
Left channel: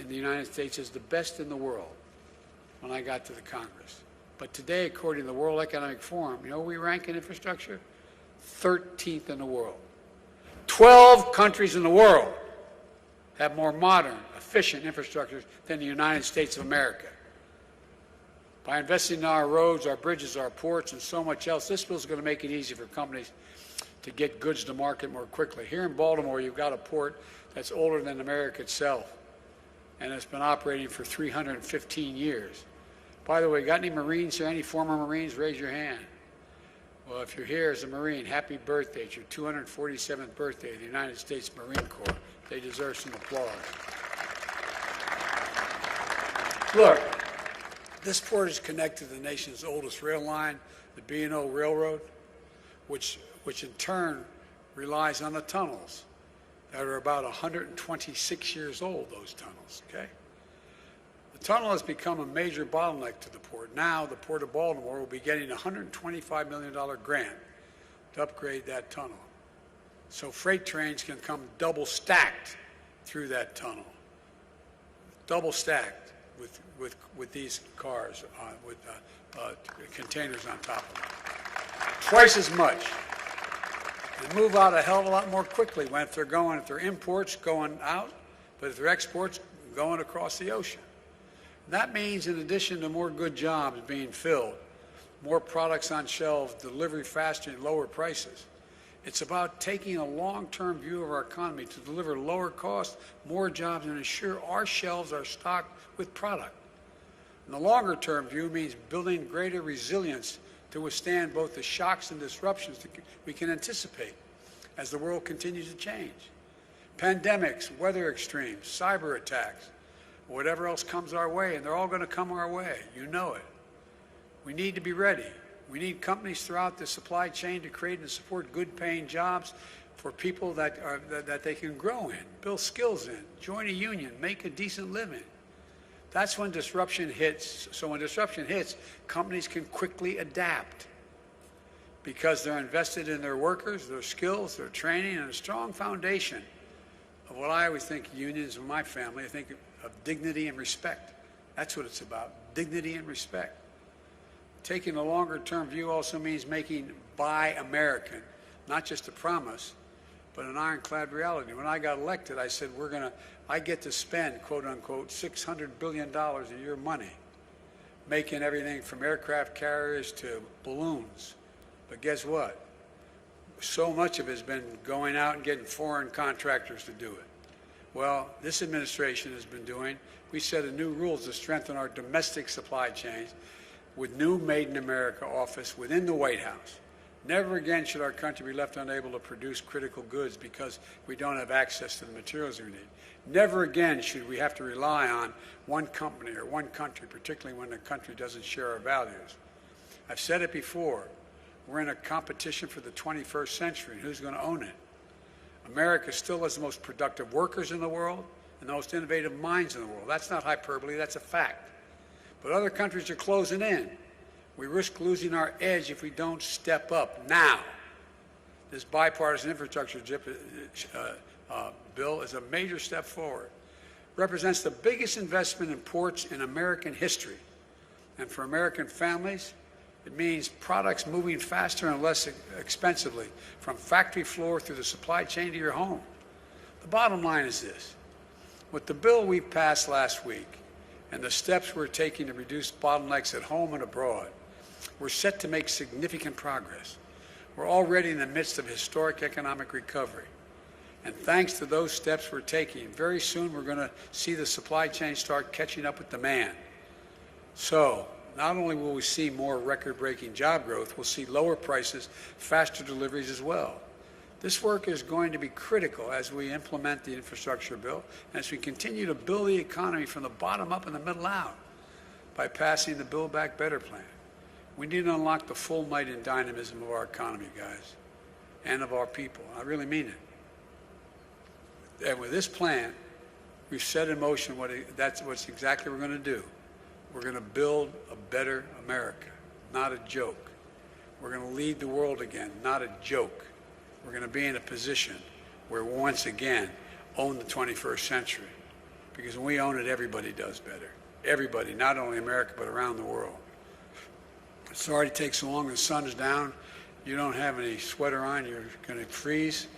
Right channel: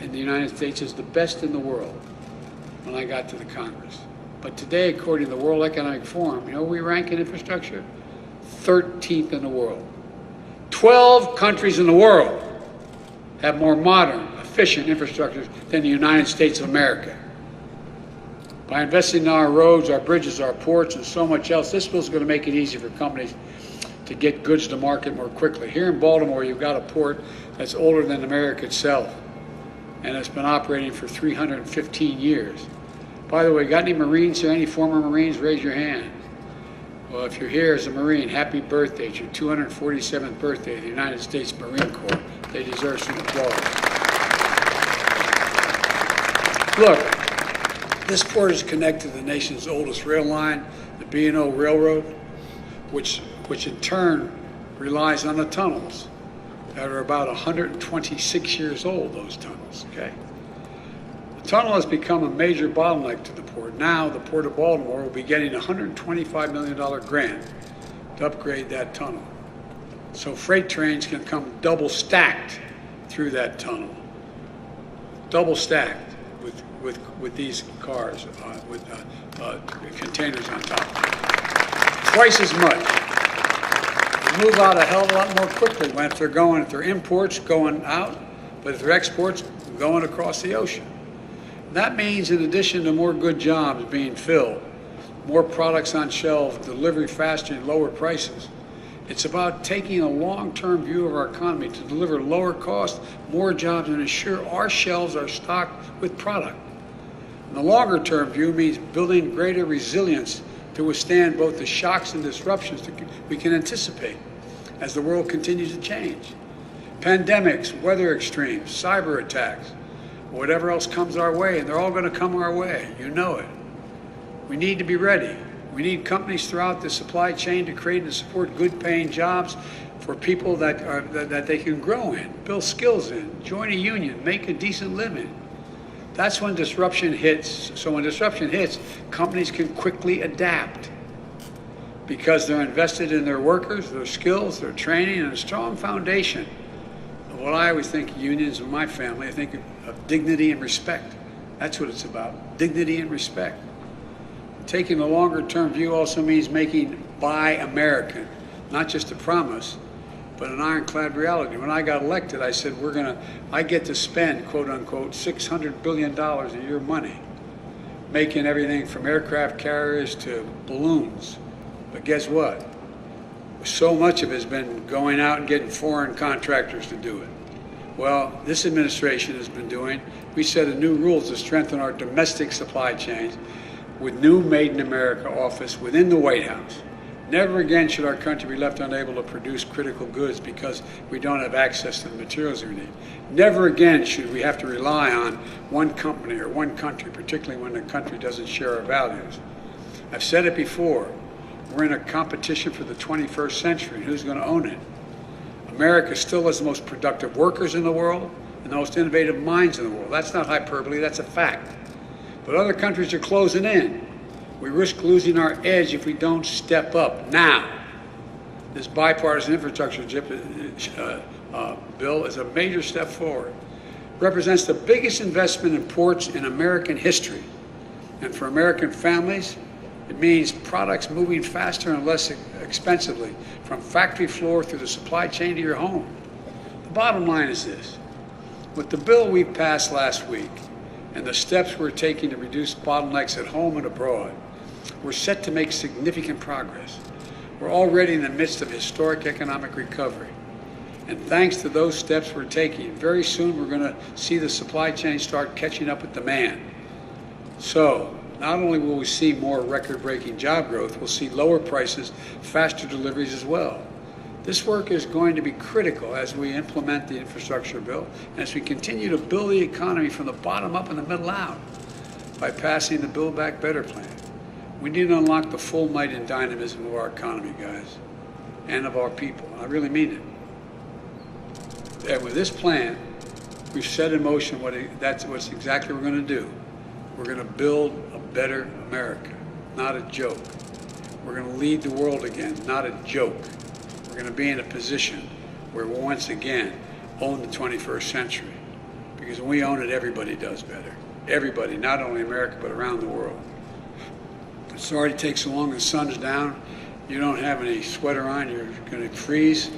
in the United States as the best in the world when I got to the Congress. But today, according to the World Economic Forum, you know where we rank in infrastructure? 13th in the world. 12 countries in the world have more modern, efficient infrastructure than the United States of America. By investing in our roads, our bridges, our ports, and so much else, this bill is going to make it easy for companies to get goods to market more quickly. Here in Baltimore, you've got a port that's older than America itself, and it's been operating for 315 years. By the way, got any Marines here? Any former Marines? Raise your hand. Well, if you're here as a Marine, happy birthday. It's your 247th birthday of the United States Marine Corps. They deserve some applause. Look, this port is connected to the nation's oldest rail line, the B&O Railroad, which in turn relies on the tunnels that are about 126 years old, those tunnels, okay? The tunnel has become a major bottleneck to the port. Now, the Port of Baltimore will be getting a $125 million grant to upgrade that tunnel. So freight trains can come double stacked through that tunnel. Double stacked with these cars, with containers on top. Twice as much. They move out a hell of a lot more quickly if they're imports going out, but if they're exports going across the ocean. That means in addition to more good jobs being filled, more products on shelves, delivery faster and lower prices, it's about taking a long-term view of our economy to deliver lower cost, more jobs, and ensure our shelves are stocked with product. And the longer-term view means building greater resilience to withstand both the shocks and disruptions that we can anticipate as the world continues to change. Pandemics, weather extremes, cyber attacks, whatever else comes our way, and they're all going to come our way. You know it. We need to be ready. We need companies throughout the supply chain to create and support good-paying jobs for people that they can grow in, build skills in, join a union, make a decent living. That's when disruption hits. So when disruption hits, companies can quickly adapt because they're invested in their workers, their skills, their training, and a strong foundation of what I always think unions in my family, I think of dignity and respect. That's what it's about, dignity and respect. Taking a longer-term view also means making Buy American, not just a promise, but an ironclad reality. When I got elected, I said, I get to spend, quote unquote, $600 billion a year money, making everything from aircraft carriers to balloons. But guess what? So much of it has been going out and getting foreign contractors to do it. Well, this administration has been doing, we set a new rules to strengthen our domestic supply chains with new Made in America office within the White House. Never again should our country be left unable to produce critical goods because we don't have access to the materials we need. Never again should we have to rely on one company or one country, particularly when a country doesn't share our values. I've said it before, we're in a competition for the 21st century. Who's going to own it? America still has the most productive workers in the world and the most innovative minds in the world. That's not hyperbole, that's a fact. But other countries are closing in. We risk losing our edge if we don't step up now. This bipartisan infrastructure bill is a major step forward. It represents the biggest investment in ports in American history. And for American families, it means products moving faster and less expensively from factory floor through the supply chain to your home. The bottom line is this. With the bill we passed last week and the steps we're taking to reduce bottlenecks at home and abroad, we're set to make significant progress. We're already in the midst of historic economic recovery. And thanks to those steps we're taking, very soon we're going to see the supply chain start catching up with demand. So, not only will we see more record-breaking job growth, we'll see lower prices, faster deliveries as well. This work is going to be critical as we implement the infrastructure bill and as we continue to build the economy from the bottom up and the middle out by passing the Build Back Better plan. We need to unlock the full might and dynamism of our economy, guys, and of our people. I really mean it. And with this plan, we've set in motion that's exactly what we're going to do. We're going to build a better America, not a joke. We're going to lead the world again, not a joke. We're going to be in a position where we once again own the 21st century. Because when we own it, everybody does better. Everybody, not only America, but around the world. It already takes so long, the sun's down, you don't have any sweater on, you're going to freeze.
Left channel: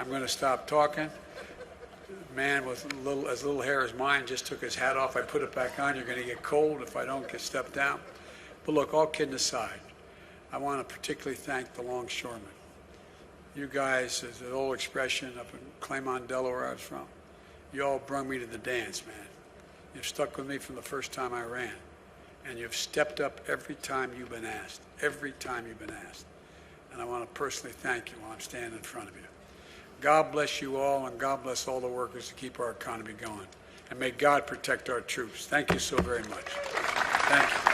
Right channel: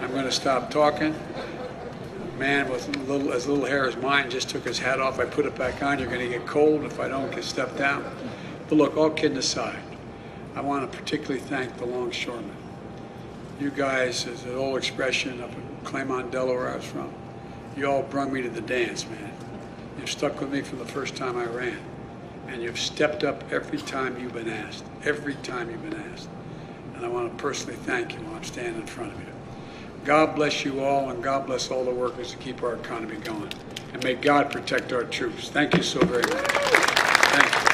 I'm going to stop talking. A man with as little hair as mine just took his hat off. I put it back on. You're going to get cold if I don't get stuff down. But look, all kidding aside, I want to particularly thank the Longshoremen. You guys, as an old expression up in Claymont, Delaware, I was from, you all brought me to the dance, man. You've stuck with me from the first time I ran. And you've stepped up every time you've been asked. Every time you've been asked. And I want to personally thank you while I'm standing in front of you. God bless you all, and God bless all the workers to keep our economy going. And may God protect our troops. Thank you so very much. Thank you.